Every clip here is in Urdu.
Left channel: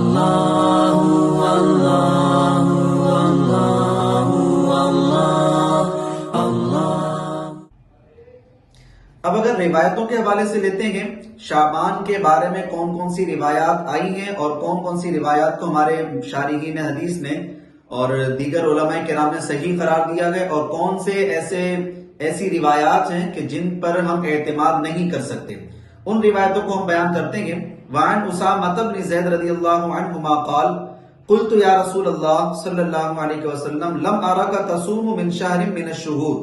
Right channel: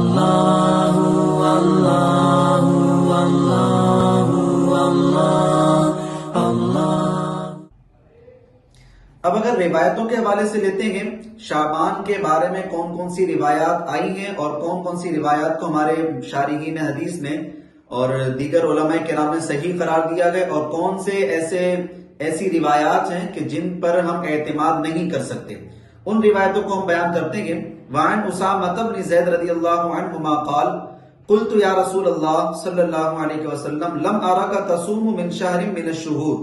اب اگر روایتوں کے حوالے سے لیتے ہیں، شعبان کے بارے میں کون کون سی روایات آئی ہیں اور کون کون سی روایات کو ہمارے شارحین حدیث نے اور دیگر علماء کرام نے صحیح قرار دیا گیا، اور کون سے ایسی روایات ہیں کہ جن پر ہم اعتماد نہیں کر سکتے، ان روایتوں کو ہم بیان کرتے ہیں۔ وعن اسامہ بن زید رضی اللہ عنہما قال قلت یا رسول اللہ صلی اللہ علیہ وسلم لم ارک تصوم من شہر من الشہور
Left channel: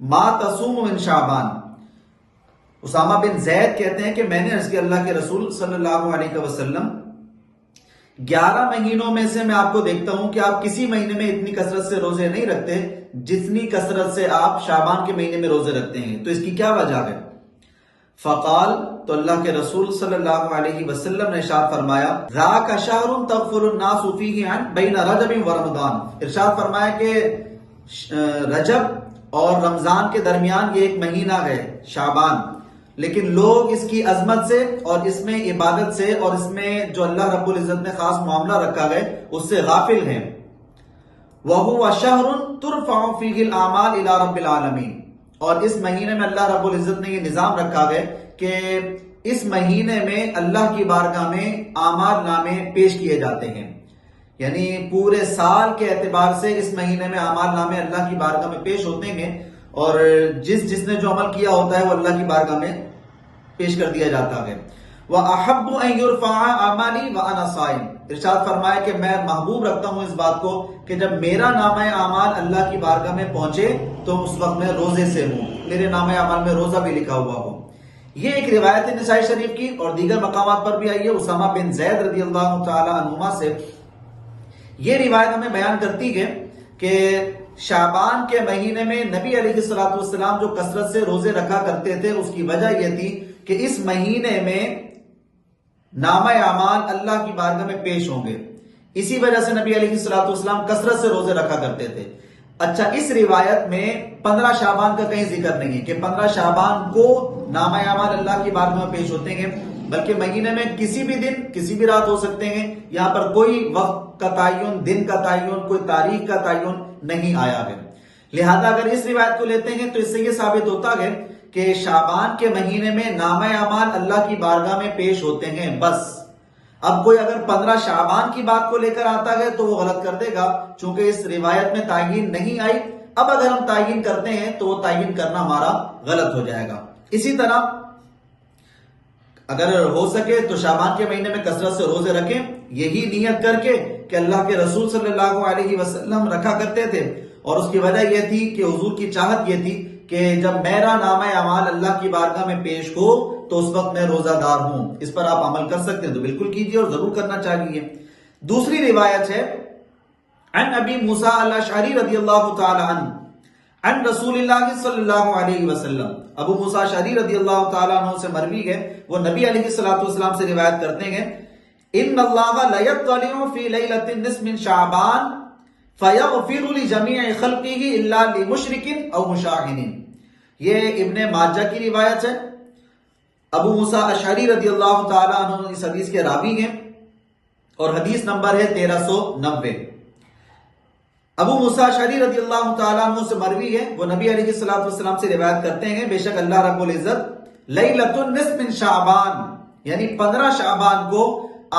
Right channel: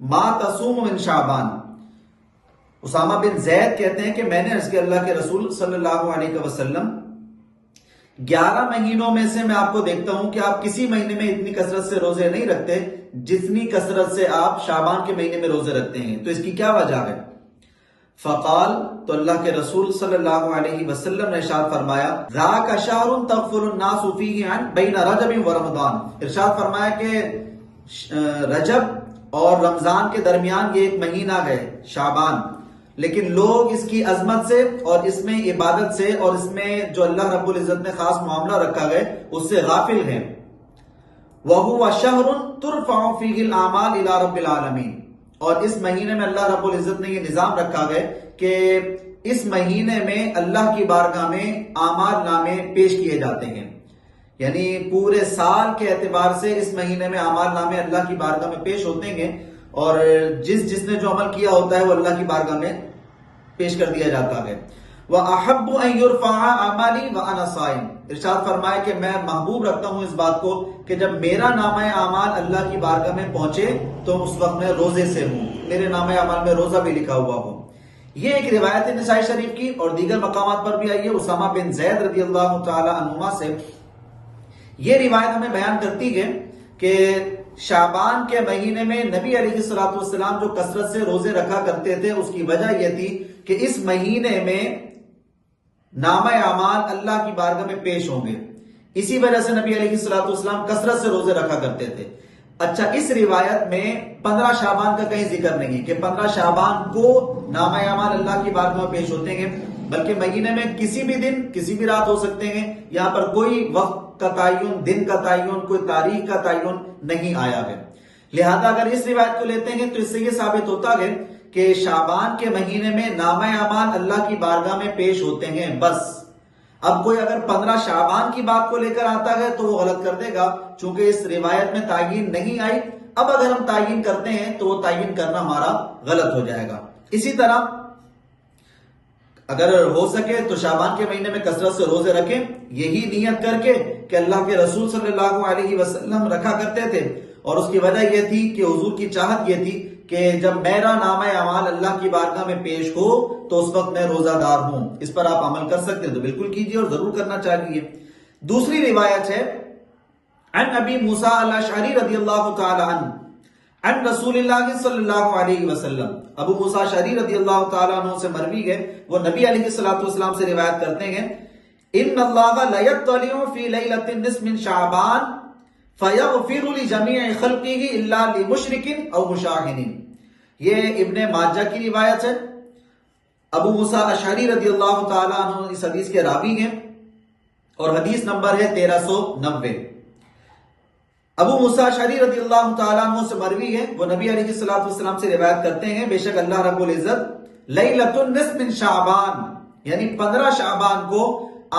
ما تصوم من شعبان۔ اسامہ بن زید کہتے ہیں کہ میں نے عرض کیا اللہ کے رسول صلی اللہ علیہ وسلم 11 مہینوں میں سے میں آپ کو دیکھتا ہوں کہ آپ کسی مہینے میں اتنی کثرت سے روزے نہیں رکھتے جتنی کثرت سے آپ شعبان کے مہینے میں روزے رکھتے ہیں، تو اس کی کیا وجہ ہے؟ فقال، تو اللہ کے رسول صلی اللہ علیہ وسلم نے ارشاد فرمایا ذاک شہر تغفل الناس فیہ عن بین رجب و رمضان، ارشاد فرمایا کہ رجب اور رمضان کے درمیان یہ ایک مہینہ ہے شعبان، لیکن لوگ اس کی عظمت سے اور اس میں عبادت سے اور اس میں جو اللہ رب العزت نے خاص معاملہ رکھا گئے اس سے غافل ہیں۔ وَهُوَ شَهْرٌ تُرْفَعُ فِيهِ الْأَعْمَالِ إِلَى رَبِّ الْعَالَمِينَ، اور اس مہینے میں اللہ رب العزت نے یہ نظام رکھا گئے کہ اس مہینے میں اللہ کی بارگاہ میں اعمال نامے پیش کیے جاتے ہیں، یعنی پورے سال کے اعتبار سے اس مہینے میں اعمال نامے اللہ کی بارگاہ میں پیش ہوتے ہیں، اور جس نے جو عمل کیا ہوتا ہے وہ اللہ کی بارگاہ میں پیش کر دیا جاتا ہے۔ وَأَحَبُّ أَن يُرْفَعَ عَمَلِي وَأَنَا صَائِمٌ، ارشاد فرمایا کہ میں محبوب رکھتا ہوں اس بات کو کہ جب میرا نامہ اعمال اللہ کی بارگاہ میں پہنچے تو اس وقت میں روزے سے ہوں، میرے نامہ اعمال میں روزہ بھی لکھا ہوا ہو۔ یہ ایک روایت نسائی شریف کی اور دیگر مقامات پر بھی آئی ہے اسامہ بن زید رضی اللہ تعالی عنہما سے۔ یہ روایت ہمیں بیان کرتی ہے کہ شعبان کے مہینے میں نبی علیہ الصلوۃ والسلام جو کثرت سے روزے رکھا کرتے تھے اس کی وجہ یہ تھی کہ اس مہینے میں نامہ اعمال اللہ کی بارگاہ میں پیش ہوں گے، اسی وجہ سے نبی علیہ الصلوۃ والسلام کثرت سے روزے رکھا کرتے تھے۔ اچھا، اس روایت میں 15 شعبان کا کہیں ذکر نہیں ہے کہ 15 شعبان کو نامہ اعمال اللہ کی بارگاہ میں پیش ہوتے ہیں، بلکہ مہینے میں کسی بھی دن کسی بھی رات ہو سکتے ہیں، یہاں پر کوئی وقت کا تعین، دن کا تعین، کوئی تاریخ کا تعین نہیں آیا ہے۔ لہذا اگر اس روایت کو لیتے ہیں تو اس سے یہ ثابت ہوتا ہے کہ شعبان کے مہینے میں نامہ اعمال اللہ کی بارگاہ میں پیش ہوتے ہیں بس۔ اب کوئی اگر 15 شعبان کی بات کو لے کر آتا ہے تو وہ غلط کر دے گا، چونکہ اس روایت میں تعین نہیں آئی۔ اب اگر ہم تعین کرتے ہیں تو وہ تعین کرنا ہمارا غلط ہو جائے گا۔ اسی طرح اگر ہو سکے تو شعبان کے مہینے میں کثرت سے روزے رکھیں، یہی نیت کر کے کہ اللہ کے رسول صلی اللہ علیہ وسلم رکھا کرتے تھے، اور اس کی وجہ یہ تھی کہ حضور کی چاہت یہ تھی کہ جب میرا نامہ اعمال اللہ کی بارگاہ میں پیش ہو تو اس وقت میں روزہ دار ہوں۔ اس پر آپ عمل کر سکتے ہیں تو بالکل کیجیے اور ضرور کرنا چاہیے۔ دوسری روایت ہے عن ابی موسیٰ الاشعری رضی اللہ تعالی عنہ عن رسول اللہ صلی اللہ علیہ وسلم، ابو موسیٰ اشعری رضی اللہ تعالی عنہ سے مروی ہے، وہ نبی علیہ الصلوۃ والسلام سے روایت کرتے ہیں ان اللہ لیطلع فی لیلۃ النصف من شعبان فیغفر لجمیع خلقہ الا لمشرک او مشاہن۔ یہ ابن ماجہ کی روایت ہے۔ ابو موسیٰ اشعری رضی اللہ تعالی عنہ اس حدیث کے راوی ہیں اور حدیث نمبر ہے 1390۔ ابو موسیٰ اشعری رضی اللہ تعالیٰ عنہ سے مروی ہے، وہ نبی علیہ الصلوۃ والسلام سے روایت کرتے ہیں بے شک اللہ رب العزت لیلۃ النصف من شعبان، یعنی 15 شعبان کو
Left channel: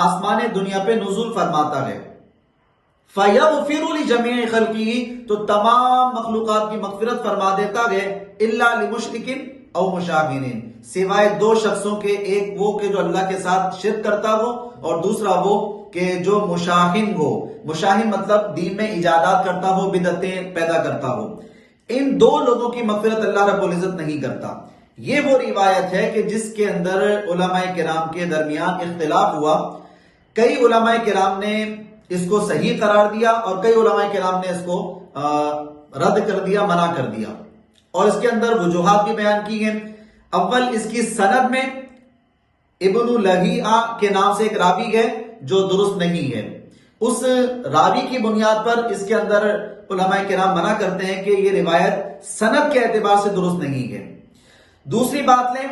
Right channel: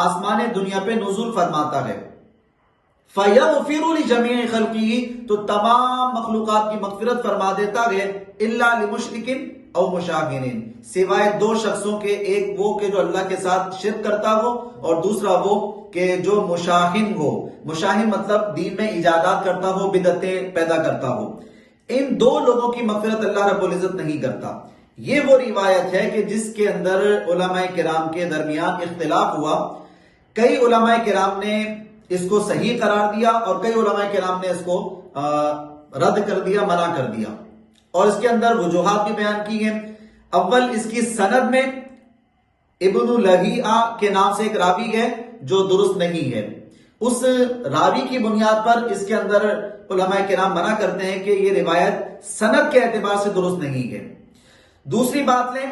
آسمان دنیا پہ نزول فرماتا ہے۔ فَيَغْفِرُ لِجَمِيعِ خَلْقِهِ، تو تمام مخلوقات کی مغفرت فرما دیتا ہے، إِلَّا لِمُشْرِكٍ او مشاہن، سوائے 2 شخصوں کے، ایک وہ کہ جو اللہ کے ساتھ شرک کرتا ہو اور دوسرا وہ کہ جو مشاہن ہو۔ مشاہن مطلب دین میں ایجادات کرتا ہو، بدعتیں پیدا کرتا ہو۔ ان 2 لوگوں کی مغفرت اللہ رب العزت نہیں کرتا۔ یہ وہ روایت ہے کہ جس کے اندر علماء کرام کے درمیان اختلاف ہوا۔ کئی علماء کرام نے اس کو صحیح قرار دیا اور کئی علماء کرام نے اس کو رد کر دیا، منع کر دیا، اور اس کے اندر وجوہات بھی بیان کی ہیں۔ اول، اس کی سند میں ابن لہیعہ کے نام سے ایک راوی ہے جو درست نہیں ہے۔ اس راوی کی بنیاد پر اس کے اندر علماء کرام منع کرتے ہیں کہ یہ روایت سند کے اعتبار سے درست نہیں ہے۔ دوسری بات لیں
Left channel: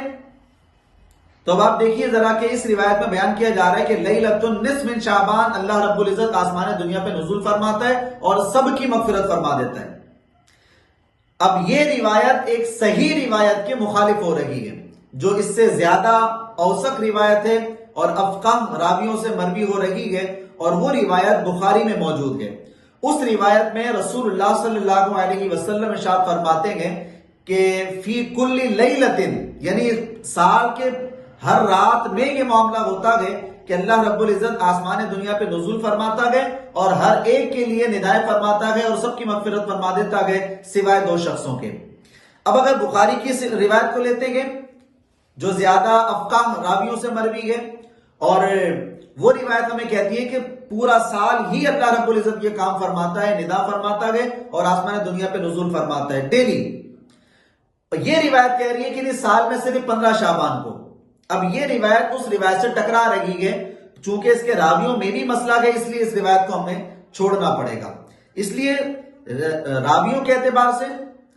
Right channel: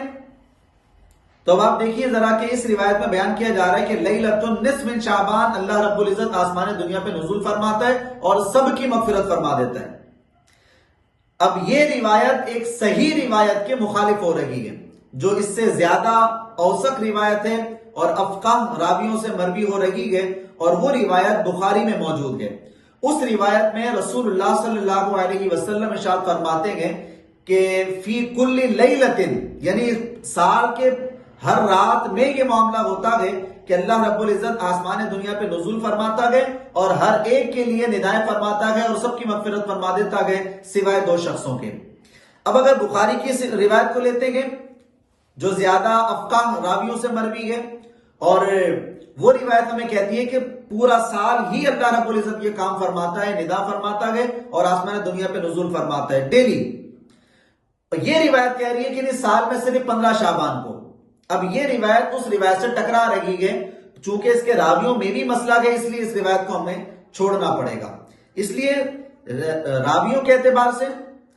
تو اب آپ دیکھیے ذرا کہ اس روایت میں بیان کیا جا رہا ہے کہ لیلۃ النصف من شعبان اللہ رب العزت آسمان دنیا پہ نزول فرماتا ہے اور سب کی مغفرت فرما دیتا ہے۔ اب یہ روایت ایک صحیح روایت کے مخالف ہو رہی ہے، جو اس سے زیادہ اوثق روایت ہے اور افقاہ راویوں سے مروی ہو رہی ہے، اور وہ روایت بخاری میں موجود ہے۔ اس روایت میں رسول اللہ صلی اللہ علیہ وسلم ارشاد فرماتے ہیں کہ فی کل لیلۃ، یعنی سال کے ہر رات میں یہ معاملہ ہوتا ہے کہ اللہ رب العزت آسمان دنیا پہ نزول فرماتا ہے اور ہر ایک کے لیے ندائیں فرماتا ہے اور سب کی مغفرت فرما دیتا ہے سوائے دو شخصوں کے۔ اب اگر بخاری کی روایت کو لیتے ہیں جو زیادہ افقاہ راویوں سے مروی ہے، اور وہ روایت ہمیں کہتی ہے کہ پورا سال ہی اللہ رب العزت یہ کام فرماتا ہے، ندا فرماتا ہے اور آسمان دنیا پہ نزول فرماتا ہے ڈیلی۔ یہ روایت کہہ رہی ہے کہ سال میں صرف 15 شعبان کو۔ اب یہ روایت اس روایت سے ٹکرا رہی ہے، چونکہ اس کے راویوں میں بھی مسئلہ ہے، اس لیے اس روایت کو ہمیں چھوڑنا پڑے گا۔ اس لیے راویوں کے اعتبار سے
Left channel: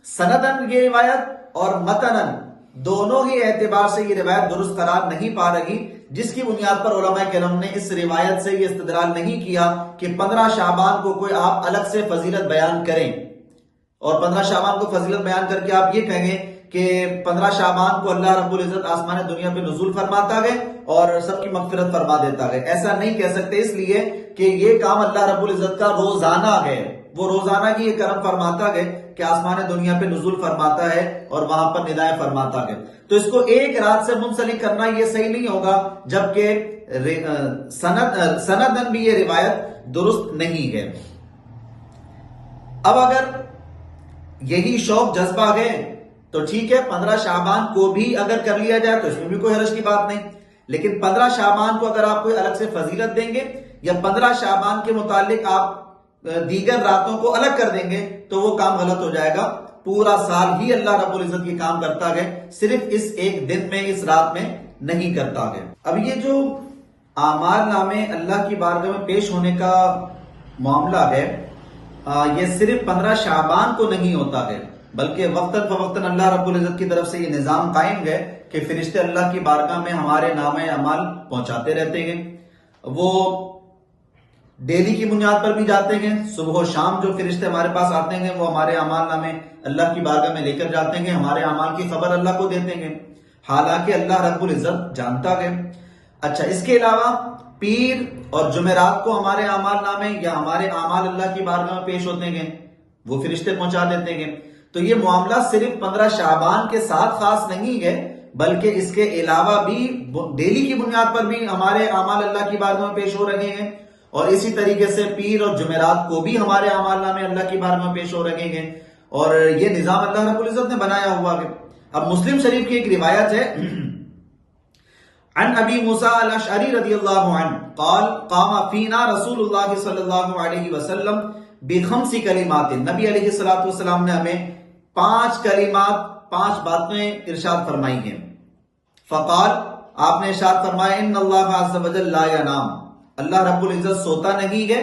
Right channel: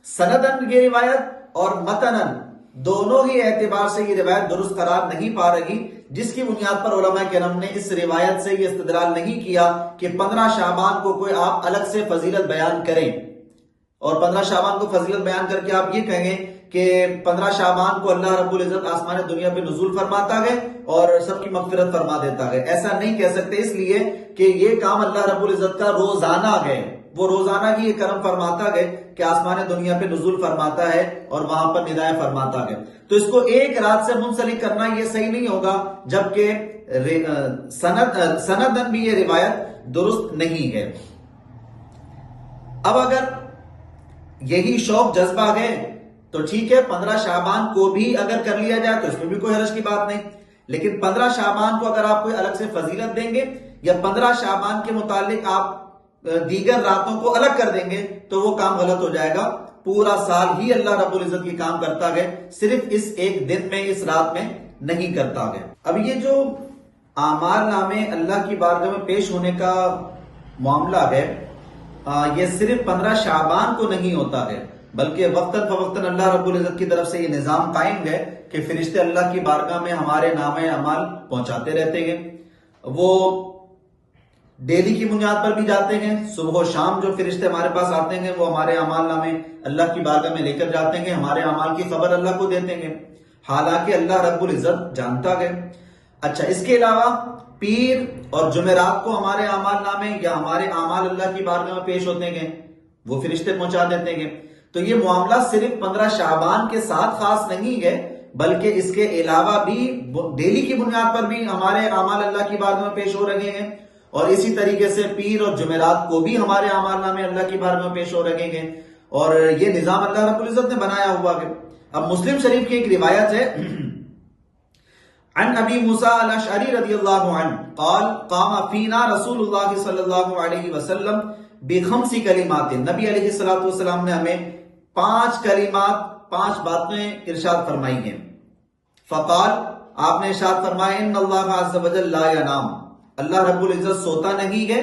سندن یہ روایت اور متنن دونوں ہی اعتبار سے یہ روایت درست قرار نہیں پا رہی، جس کی بنیاد پر علماء کرام نے اس روایت سے یہ استدلال نہیں کیا کہ 15 شعبان کو کوئی آپ الگ سے فضیلت بیان کریں، اور 15 شعبان کو فضیلت بیان کر کے آپ یہ کہیں کہ 15 شعبان کو اللہ رب العزت آسمان دنیا پہ نزول فرماتا ہے اور سب کی مغفرت فرما دیتا ہے۔ ایسا نہیں کہہ سکتے، اس لیے کہ یہ کام اللہ رب العزت کا روزانہ ہے، وہ روزانہ کی یہ کرم فرماتا ہے کہ آسمان دنیا پہ نزول فرماتا ہے اور وہاں پر ندائیں فرماتا ہے۔ تو اس کو ایک رات سے منسلک کرنا یہ صحیح نہیں ہوگا، جبکہ سندن بھی یہ روایت درست نہیں ہے۔ اب اگر یہی شوق جذبہ ہے تو ٹھیک ہے، 15 شعبان کو بھی اگر کر لیا جائے تو اس میں بھی کوئی حرج کی بات نہیں، لیکن 15 شعبان کو اگر آپ کوئی الگ سے فضیلت دیں گے یا 15 شعبان کے متعلق آپ دیگر راتوں کو الگ کر دیں گے تو وہ کام غلط ہو جائے گا۔ پورا سال ہی اللہ رب العزت یہ کام کرتا ہے، صرف اس ایک دن میں، اس رات میں نہیں کرتا ہے۔ اب یہ جو اعمال نامے اللہ کی بارگاہ میں پیش ہونے کا معاملہ ہے، یہ صرف 15 شعبان کو نہیں ہوتا ہے، بلکہ وقتاً فوقتاً اللہ رب العزت کی طرف سے یہ نظام قائم ہے کہ فرشتے اللہ کی بارگاہ میں ہمارے نامے اعمال پہنچاتے رہتے ہیں۔ وہ ڈیلی کی بنیاد پر بھی جاتے ہیں، صبح و شام جو فرشتے ہمارے پاس آتے ہیں وہ ہمارے اعمال نامے اللہ کی بارگاہ میں لے کر جاتے ہیں، ہمارے اعمال کی خبر اللہ کو دیتے ہیں، حالانکہ اللہ رب العزت جانتا ہے۔ اچھا، اس کے علاوہ پیر اور جمعرات کو ہمارے اعمال نامے یا ہمارے اعمال اللہ کی بارگاہ میں پیش ہوتے ہیں، وہ فرشتے پہنچا دیتے ہیں۔ تو یہ معاملہ صرف 15 شعبان کے ساتھ خاص نہیں ہے، بلکہ اس کے علاوہ بھی ڈیلی کی بنیاد پر بھی ہمارے اعمال اللہ کی بارگاہ میں پیش ہو رہے ہیں، اور اسی طریقے سے پیر اور جمعرات کو بھی ہمارے اعمال نامے اللہ کی بارگاہ میں پیش ہو رہے ہیں، اور یہ نظام اللہ رب العزت نے بنایا ہوا ہے۔ اب مسلم شریف کی ایک روایت ہے، عن ابی موسیٰ الاشعری رضی اللہ عنہ قال قام فینا رسول اللہ صلی اللہ علیہ وسلم بخمس کلمات، نبی علیہ السلام نے ہمیں 5 کلمات، 5 باتیں ارشاد فرمائی ہیں۔ فقال، آپ نے ارشاد فرمایا، ان اللہ عز وجل لا ینام، اللہ رب العزت سوتا نہیں ہے،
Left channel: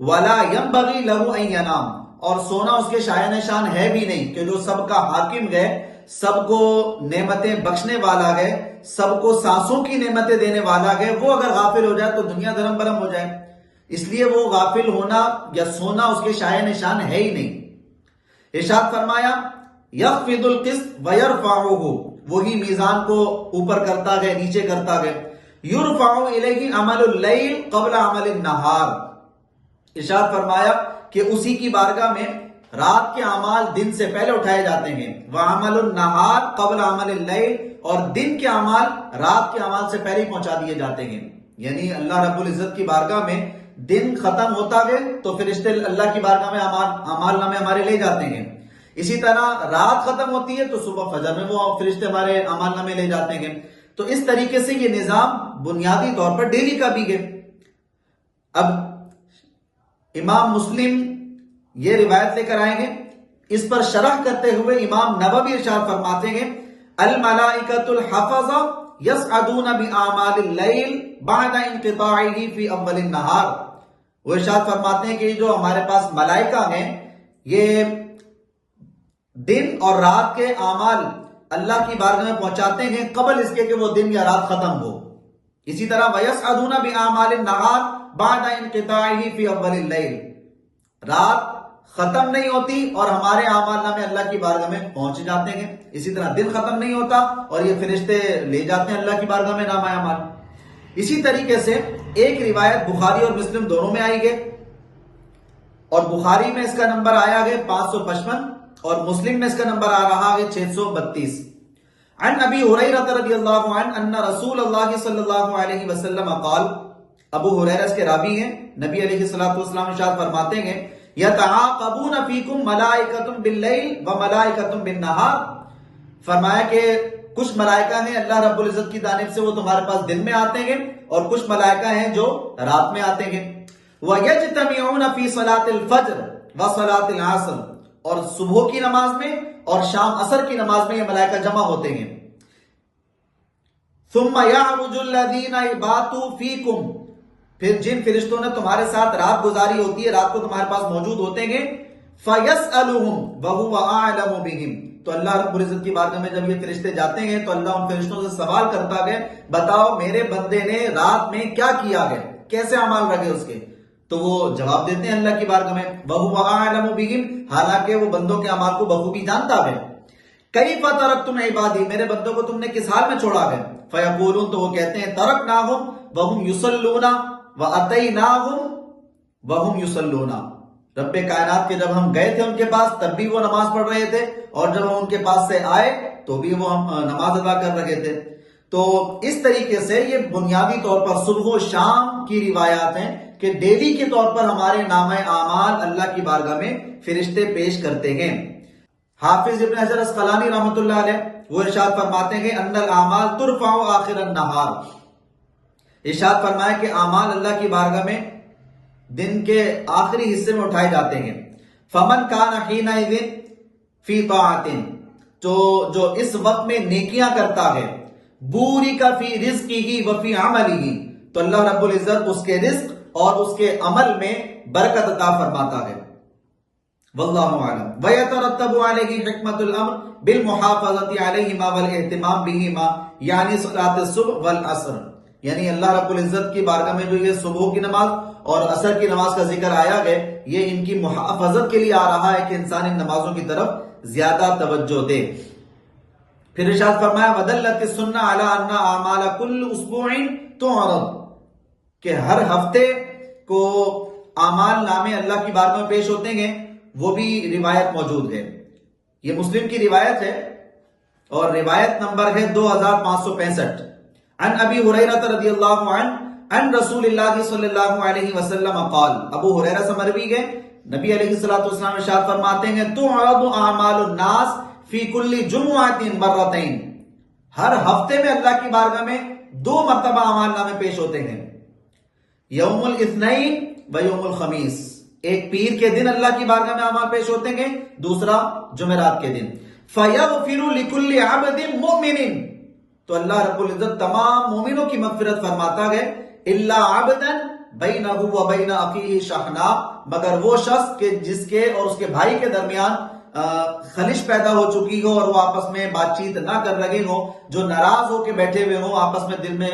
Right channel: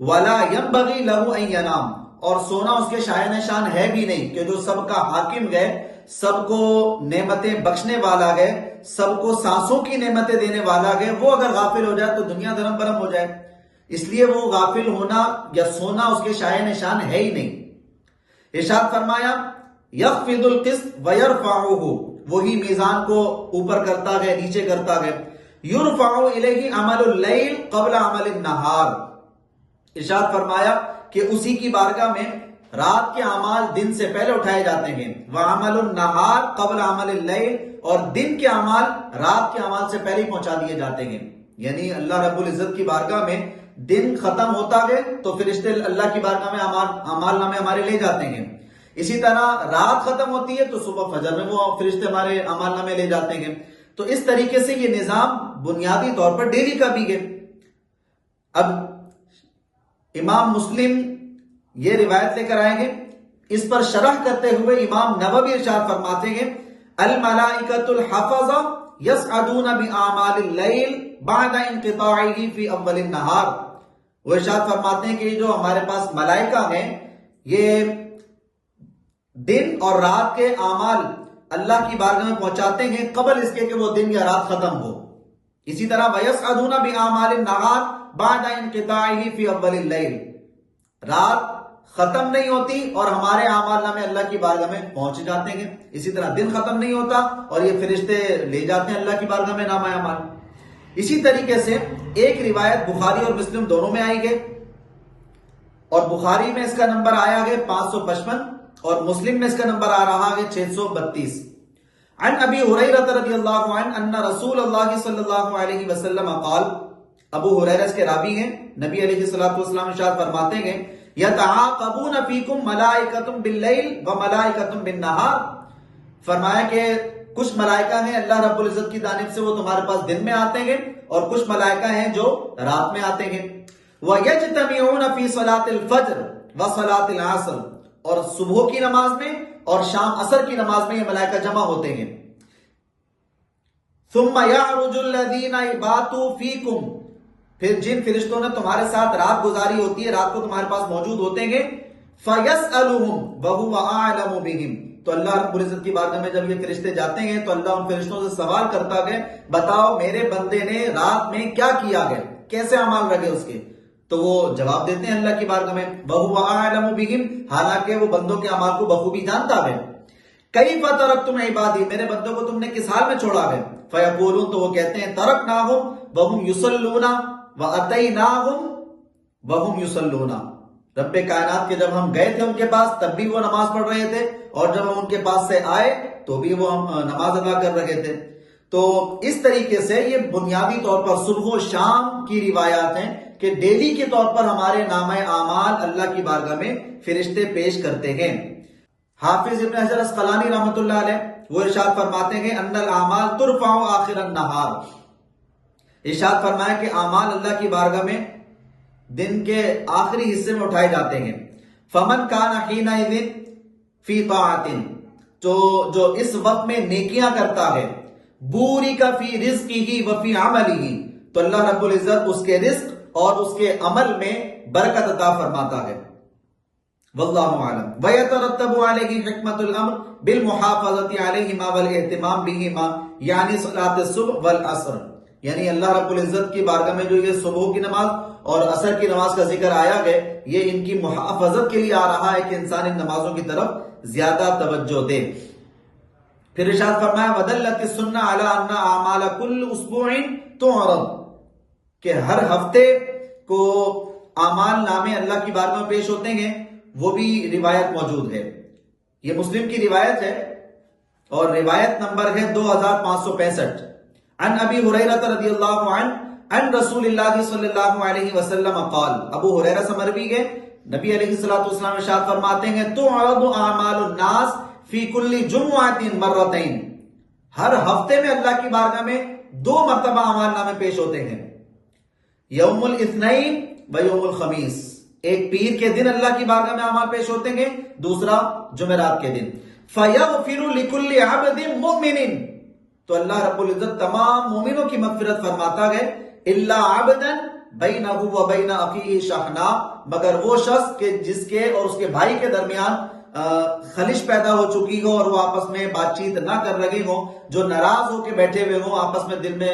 ولا ينبغي له ان ينام، اور سونا اس کے شایان شان ہے بھی نہیں، کہ جو سب کا حاکم ہے، سب کو نعمتیں بخشنے والا ہے، سب کو سانسوں کی نعمتیں دینے والا ہے، وہ اگر غافل ہو جائے تو دنیا دھرم برم ہو جائے، اس لیے وہ غافل ہونا یا سونا اس کے شایان شان ہے ہی نہیں۔ ارشاد فرمایا، یخفض القسط ویرفعہ، وہی میزان کو اوپر کرتا ہے، نیچے کرتا ہے، یرفع الیہ عمل اللیل قبل عمل النہار، ارشاد فرمایا کہ اسی کی بارگاہ میں رات کے اعمال دن سے پہلے اٹھائے جاتے ہیں، وعمل النہار قبل عمل اللیل، اور دن کے اعمال رات کے اعمال سے پہلے پہنچا دیے جاتے ہیں۔ یعنی اللہ رب العزت کی بارگاہ میں دن ختم ہوتا ہے تو فرشتے اللہ کی بارگاہ میں اعمال نامے ہمارے لے جاتے ہیں، اسی طرح رات ختم ہوتی ہے تو صبح فجر میں وہ فرشتے ہمارے اعمال نامے لے جاتے ہیں۔ تو اس طریقے سے یہ نظام بنیادی طور پر ڈیلی کا بھی ہے۔ اب امام مسلم یہ روایت لے کر آئیں گے، اس پر شرح کرتے ہوئے امام نووی ارشاد فرماتے ہیں، الملائکۃ الحفظہ یصعدون باعمال اللیل بعد انقطاعہ فی اول النہار، وہ ارشاد فرماتے ہیں کہ جو ہمارے پاس ملائکہ ہیں، یہ دن اور رات کے اعمال اللہ کی بارگاہ میں پہنچاتے ہیں قبل اس کے کہ وہ دن یا رات ختم ہو. اسی طرح وَيَسْعَدُونَ بِأَعْمَالِ النَّهَارِ بَعْدَ انْقِطَاعِهِ فِي أَوَّلِ اللَّيْلِ. رات ختم نہیں ہوتی اور ہمارے اعمال نامے اللہ کی بارگاہ میں پہنچ جاتے ہیں. اسی طرح دن ختم نہیں ہوتا اور یہ فرشتے لے جاتے ہیں اللہ کی بارگاہ میں نامہ اعمال. اسی طریقے سے ایک روایت بخاری اور مسلم دونوں میں آئی گئے، اور بخاری میں اس کا نمبر آیا گئے 555 اور مسلم میں اس کا نمبر آ رہا ہے 632. عن ابی ہریرہ رضی اللہ عنہ ان رسول اللہ صلی اللہ علیہ وسلم قال. ابو ہریرہ اس کے راوی ہیں. نبی علیہ الصلوۃ والسلام ارشاد فرماتے ہیں یتعاقبون فیکم ملائکۃ باللیل وملائکۃ بالنہار. فرمایا کہ کچھ ملائکہ ہیں اللہ رب العزت کی جانب سے، وہ تمہارے پاس دن میں آتے ہیں، اور کچھ ملائکہ ہیں جو رات میں آتے ہیں. وَيَجْتَمِعُونَ فِي صَلَاةِ الْفَجْرِ وَصَلَاةِ الْعَصْرِ. اور صبح کی نماز میں اور شام عصر کی نماز میں یہ ملائکہ جمع ہوتے ہیں. ثُمَّ يَعْرُجُ الَّذِينَ بَاتُوا فِيكُمْ. پھر جن فرشتوں نے تمہارے ساتھ رات گزاری ہوتی ہے، رات کو تمہارے پاس موجود ہوتے ہیں، فَيَسْأَلُهُمْ وَهُوَ أَعْلَمُ بِهِمْ. تو اللہ رب العزت کی بارگاہ میں جب یہ فرشتے جاتے ہیں تو اللہ ان فرشتوں سے سوال کرتا ہے، بتاؤ میرے بندے نے رات میں کیا کیا گیا، کیسے اعمال رہے اس کے. تو وہ جواب دیتے ہیں اللہ کی بارگاہ میں وَهُوَ أَعْلَمُ بِهِمْ، حالانکہ وہ بندوں کے اعمال کو بخوبی جانتا ہے. كَيْفَ تَرَكْتُمْ عِبَادِي، میرے بندوں کو تم نے کس حال میں چھوڑا ہے. فَيَقُولُونَ، تو وہ کہتے ہیں تَرَكْنَاهُمْ وَهُمْ يُصَلُّونَ وَأَتَيْنَاهُمْ وَهُمْ يُصَلُّونَ. رب کائنات کے جب ہم گئے تھے ان کے پاس تب بھی وہ نماز پڑھ رہے تھے، اور جب ہم ان کے پاس سے آئے تو بھی وہ نماز ادا کر رہے تھے. تو اس طریقے سے یہ بنیادی طور پر صبح و شام کی روایات ہیں کہ ڈیلی کے طور پر ہمارے نامہ اعمال اللہ کی بارگاہ میں فرشتے پیش کرتے ہیں. حافظ ابن حجر اسقلانی رحمۃ اللہ علیہ وہ ارشاد فرماتے ہیں ان الاعمال ترفع آخر النہار. ارشاد فرمایا کہ اعمال اللہ کی بارگاہ میں دن کے آخری حصے میں اٹھائے جاتے ہیں. فمن کان حینئذ فی طاعت، جو اس وقت میں نیکیاں کرتا ہے، بورک فی رزقہ وفی عملہ، تو اللہ رب العزت اس کے رزق اور اس کے عمل میں برکت عطا فرماتا ہے. واللہ اعلم. ویترتب علیہ حکمت الامر بالمحافظۃ علیہما والاہتمام بہما، یعنی صلاۃ الصبح والعصر. یعنی اللہ رب العزت کی بارگاہ میں جو یہ صبح کی نماز اور عصر کی نماز کا ذکر آیا ہے، یہ ان کی محافظت کے لیے آ رہا ہے کہ انسان ان نمازوں کی طرف زیادہ توجہ دے. پھر ارشاد فرمایا وَدَلَّتِ السُّنَّةُ عَلَىٰ أَنَّ أَعْمَالَ كُلِّ أُسْبُوعٍ تُعْرَضُ، کہ ہر ہفتے کو اعمال نامے اللہ کی بارگاہ میں پیش ہوتے ہیں. وہ بھی روایت موجود ہے، یہ مسلم کی روایت ہے اور روایت نمبر ہے 2565. عن ابی ہریرہ رضی اللہ عنہ ان رسول اللہ صلی اللہ علیہ وسلم قال. ابو ہریرہ سے مروی ہے، نبی علیہ الصلوۃ والسلام ارشاد فرماتے ہیں تعرض اعمال الناس فی کل جمعۃ مرتین. ہر ہفتے میں اللہ کی بارگاہ میں 2 مرتبہ اعمال نامے پیش ہوتے ہیں، یوم الاثنین و یوم الخمیس. ایک پیر کے دن اللہ کی بارگاہ میں اعمال پیش ہوتے ہیں، دوسرا جمعرات کے دن. فیغفر لکل عبد مؤمن، تو اللہ رب العزت تمام مومنوں کی مغفرت فرماتا ہے، الا عبدا بینہ و بین اخیہ شحناء، مگر وہ شخص کہ جس کے اور اس کے بھائی کے درمیان خلش پیدا ہو چکی ہو اور وہ آپس میں بات چیت نہ کر رہے ہوں، جو ناراض ہو کے بیٹھے ہوئے ہوں، آپس میں دل میں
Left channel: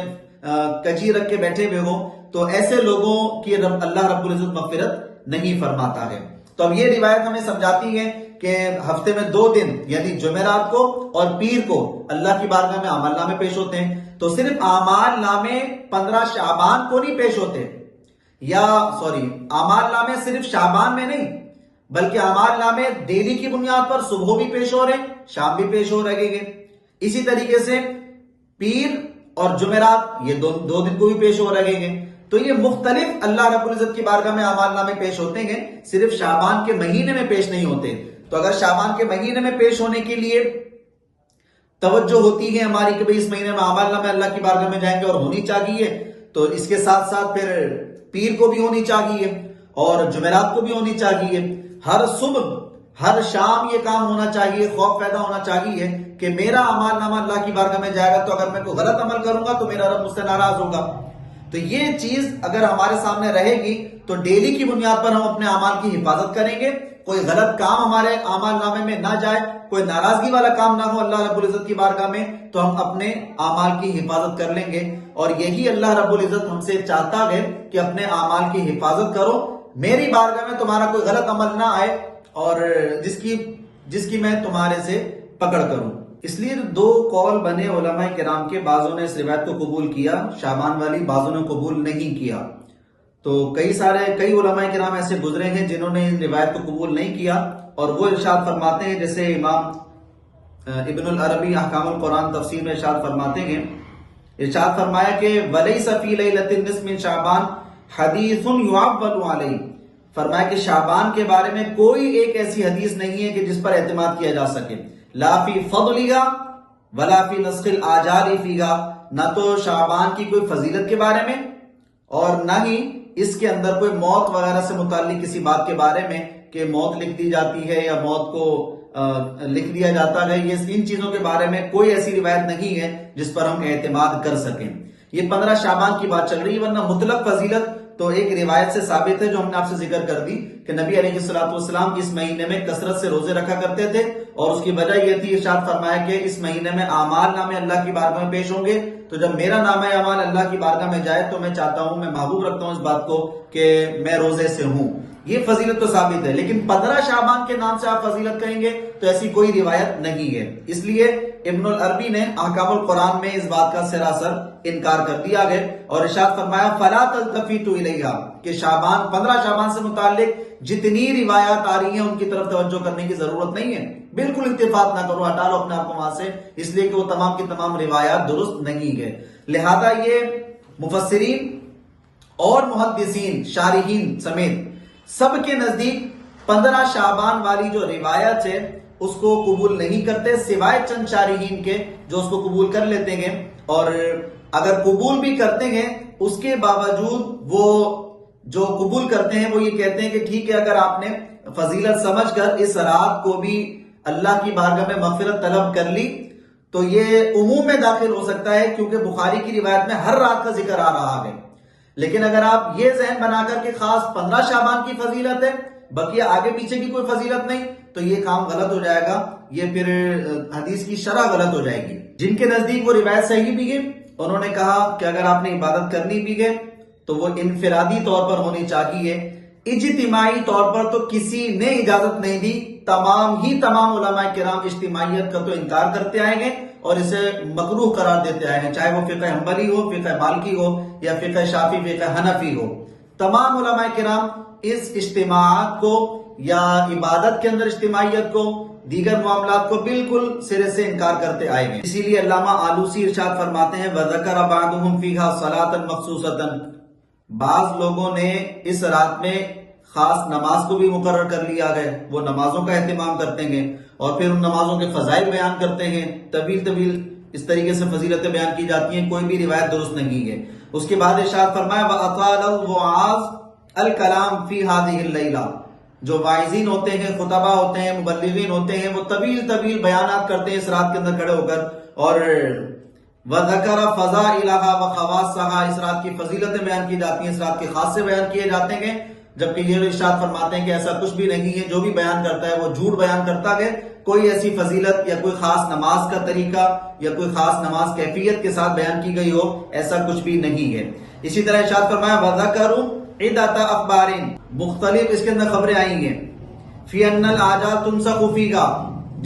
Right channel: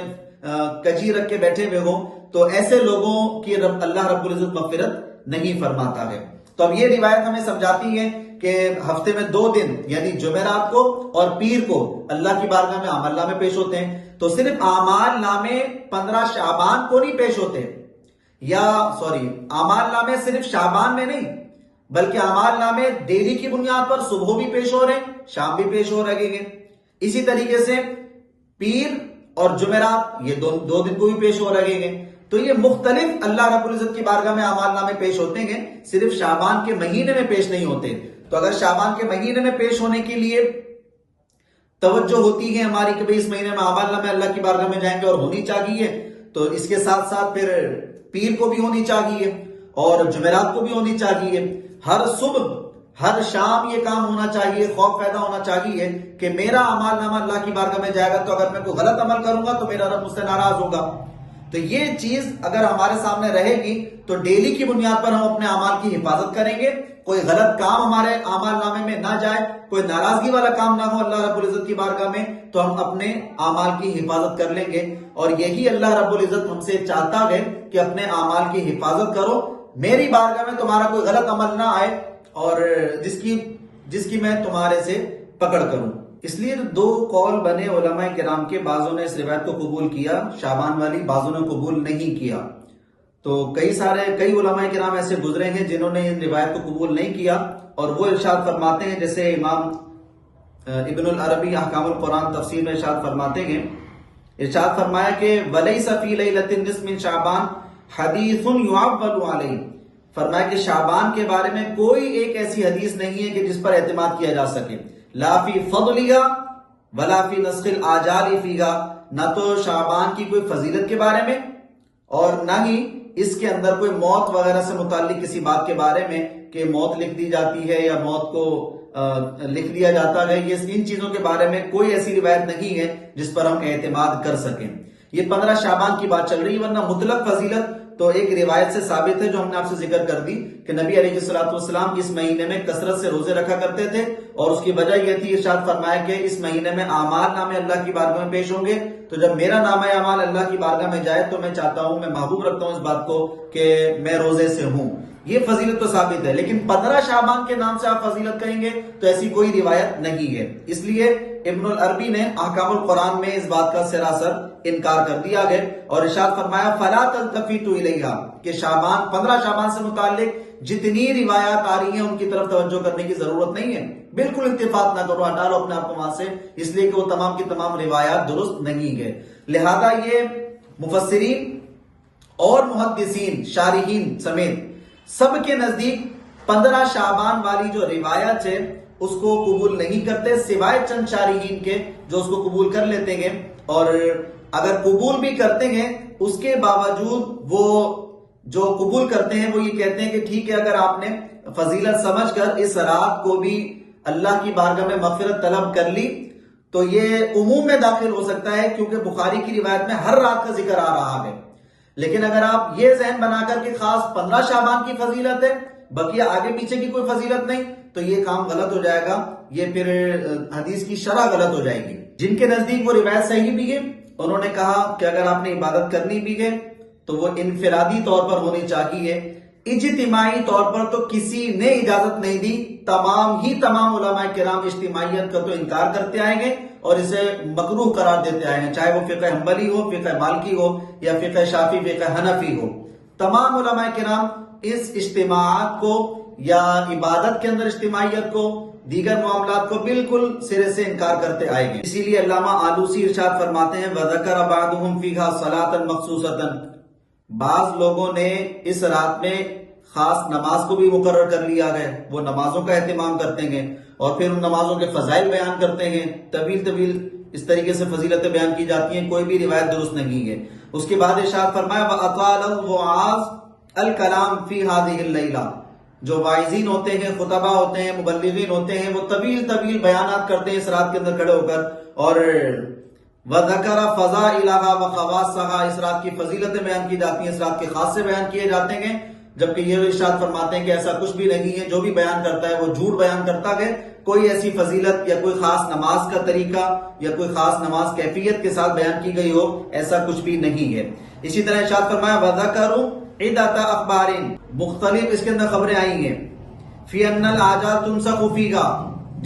کجی رکھ کے بیٹھے ہوئے ہوں، تو ایسے لوگوں کی اللہ رب العزت مغفرت نہیں فرماتا ہے. تو اب یہ روایت ہمیں سمجھاتی ہے کہ ہفتے میں 2 دن یعنی جمعرات کو اور پیر کو اللہ کی بارگاہ میں اعمال نامے پیش ہوتے ہیں. تو صرف اعمال نامے 15 شعبان کو نہیں پیش ہوتے، اعمال نامے صرف شعبان میں نہیں بلکہ اعمال نامے ڈیلی کی بنیاد پر صبح بھی پیش ہو رہے ہیں، شام بھی پیش ہو رہے ہیں. اسی طریقے سے پیر اور جمعرات یہ 2 دن کو بھی پیش ہو رہے ہیں. تو یہ مختلف اللہ رب العزت کی بارگاہ میں اعمال نامے پیش ہوتے ہیں، صرف شعبان کے مہینے میں پیش نہیں ہوتے. تو اگر شعبان کے مہینے میں پیش ہونے کے لیے توجہ ہوتی ہے ہماری کہ بھئی اس مہینے میں اعمال نامے اللہ کی بارگاہ میں جائیں گے اور ہونی چاہیے، تو اس کے ساتھ ساتھ پھر پیر کو بھی ہونی چاہیے اور جمعرات کو بھی ہونی چاہیے. ہر صبح ہر شام یہ کام ہونا چاہیے، خوف پیدا ہونا چاہیے کہ میرا اعمال نامہ اللہ کی بارگاہ میں جائے گا تو اگر میں کوئی غلط عمل کروں گا تو میرا رب مجھ سے ناراض ہوگا. تو یہ چیز اگر ہمارے سامنے رہے گی تو ڈیلی کی بنیاد پر ہم اپنے اعمال کی حفاظت کریں گے، کوئی غلط کام ہمارے اعمال نامے میں نہ جائے، کوئی ناراضگی والا کام نہ ہو اللہ رب العزت کی بارگاہ میں، تو ہم اپنے اعمال کی حفاظت کر لیں گے۔ اور یہی اللہ رب العزت ہم سے چاہتا ہے کہ اپنے اعمال کی حفاظت کرو، میری بارگاہ میں تمہارا کوئی غلط عمل نہ آئے اور جس کی میں تمہارے سے پکڑ کروں۔ اس لیے دو قول بنے علماء کرام کے، بعضوں نے اس روایت کو قبول کیا شعبان والی، بعضوں نے قبول نہیں کیا۔ تو کئی علماء کرام ایسے گزرے ہیں جنہوں نے ان روایت کو قبول نہیں کیا، اور وہ ارشاد فرماتے ہیں، جیسے امام ابن العربی احکام القرآن تفسیر میں ارشاد فرماتے ہیں، ارشاد فرمایا کہ وَلَيْسَ فِي لَيْلَةِ النِّصْفِ مِنْ شَعْبَانَ حَدِيثٌ يُعَوَّلُ عَلَيْهِ، فرمایا کہ شعبان کے بارے میں کوئی ایک ایسی حدیث نہیں ہے کہ جس پر اعتماد کیا جا سکے، لا فی فضلها ولا فی نسخ الآجال فیہا، نہ تو شعبان کی کوئی فضیلت کے بارے میں اور نہ ہی اس کے اندر کوئی موت وغیرہ سے متعلق کسی بات کے بارے میں کہ موت لکھ دی جاتی ہے یا موت کو لکھ دیا جاتا ہے، یہ ان چیزوں کے بارے میں کوئی ایسی روایت نہیں ہے جس پر ہم اعتماد کر سکیں۔ یہ 15 شعبان کی بات چل رہی ہے، ورنہ مطلق فضیلت تو ایک روایت سے ثابت ہے جو ہم نے آپ سے ذکر کر دی کہ نبی علیہ الصلوۃ والسلام اس مہینے میں کثرت سے روزے رکھا کرتے تھے، اور اس کی وجہ یہ تھی، ارشاد فرمایا کہ اس مہینے میں اعمال نامے اللہ کی بارگاہ میں پیش ہوں گے، تو جب میرا نامہ اعمال اللہ کی بارگاہ میں جائے تو میں چاہتا ہوں، میں محبوب رکھتا ہوں اس بات کو کہ میں روزے سے ہوں۔ یہ فضیلت تو ثابت ہے، لیکن 15 شعبان کے نام سے آپ فضیلت کہیں گے تو ایسی کوئی روایت نہیں ہے۔ اس لیے ابن العربی نے احکام القرآن میں اس بات کا سراسر انکار کر دیا گیا، اور ارشاد فرمایا فَلَا تَلْتَفِتُوا إِلَيْهَا، کہ شعبان 15 شعبان سے متعلق جتنی روایات آ رہی ہیں ان کی طرف توجہ کرنے کی ضرورت نہیں ہے، بالکل التفات نہ کرو، ہٹا لو اپنے آپ کو وہاں سے، اس لیے کہ وہ تمام کی تمام روایات درست نہیں ہے۔ لہذا یہ مفسرین اور محدثین شارحین سمیت سب کے نزدیک 15 شعبان والی جو روایت ہے اس کو قبول نہیں کرتے، سوائے چند شارحین کے جو اس کو قبول کر لیتے ہیں، اور اگر قبول بھی کرتے ہیں اس کے باوجود وہ جو قبول کرتے ہیں وہ یہ کہتے ہیں کہ ٹھیک ہے، اگر آپ نے فضیلت سمجھ کر اس رات کو بھی اللہ کی بارگاہ میں مغفرت طلب کر لی تو یہ عموم میں داخل ہو سکتا ہے، کیونکہ بخاری کی روایت میں ہر رات کا ذکر آ رہا ہے۔ لیکن اگر آپ یہ ذہن بنا کر کہ خاص 15 شعبان کی فضیلت ہے، بقیہ آگے پیچھے کی کوئی فضیلت نہیں، تو یہ کام غلط ہو جائے گا، یہ پھر حدیث کی شرح غلط ہو جائے گی۔ جن کے نزدیک وہ روایت صحیح بھی ہے، انہوں نے کہا کہ اگر آپ نے عبادت کرنی بھی ہے تو وہ انفرادی طور پر ہونی چاہیے، اجتماعی طور پر تو کسی نے اجازت نہیں دی، تمام علماء کرام اجتماعیت کا تو انکار کرتے آئیں گے اور اسے مکروہ قرار دیتے آئے ہیں، چاہے وہ فقہ حنبلی ہو، فقہ مالکی ہو یا فقہ شافعی، فقہ حنفی ہو، تمام علماء کرام اس اجتماعات کو یا عبادت کے اندر اجتماعیت کو، دیگر معاملات کو بالکل سرے سے انکار کرتے آئے ہیں۔ اسی لیے علامہ آلوسی ارشاد فرماتے ہیں وَذَكَرَ بَعْضُهُمْ فِيهَا صَلَاةً مَخْصُوصَةً، بعض لوگوں نے اس رات میں خاص نماز کو بھی مقرر کر لیا گیا، وہ نمازوں کا اہتمام کرتے ہیں اور پھر ان نمازوں کے فضائل بیان کرتے ہیں، طویل اس طریقے سے فضیلتیں بیان کی جاتی ہیں، کوئی بھی روایت درست نہیں ہے۔ اس کے بعد ارشاد فرمایا وَأَطَالَ الْوَعَاظ الْكَلَامِ فِي هَذِهِ اللَّيْلَةِ، جو واعظین ہوتے ہیں، خطبہ ہوتے ہیں، مبلغین ہوتے ہیں، وہ طویل بیانات کرتے ہیں اس رات کے اندر کھڑے ہو کر، اور وَذَكَرَ فَضَائِلَهَا وَخَوَاصَهَا، اس رات کی فضیلتیں بیان کی جاتی ہیں، اس رات کے خاصے بیان کیے جاتے ہیں، جبکہ یہ ارشاد فرماتے ہیں کہ ایسا کچھ بھی نہیں ہے، جو بھی بیان کرتا ہے وہ جھوٹ بیان کرتا ہے، کوئی ایسی فضیلت یا کوئی خاص نماز کا طریقہ یا کوئی خاص نماز کیفیت کے ساتھ بیان کی گئی ہو، ایسا کچھ بھی نہیں ہے۔ اسی طرح ارشاد فرمایا وَذَكَرُوا عِدَّةَ أَخْبَارٍ، مختلف اس کے اندر خبریں آئی ہیں، فِي أَنَّ الْآجَالَ تُنْسَخُ فِيهَا،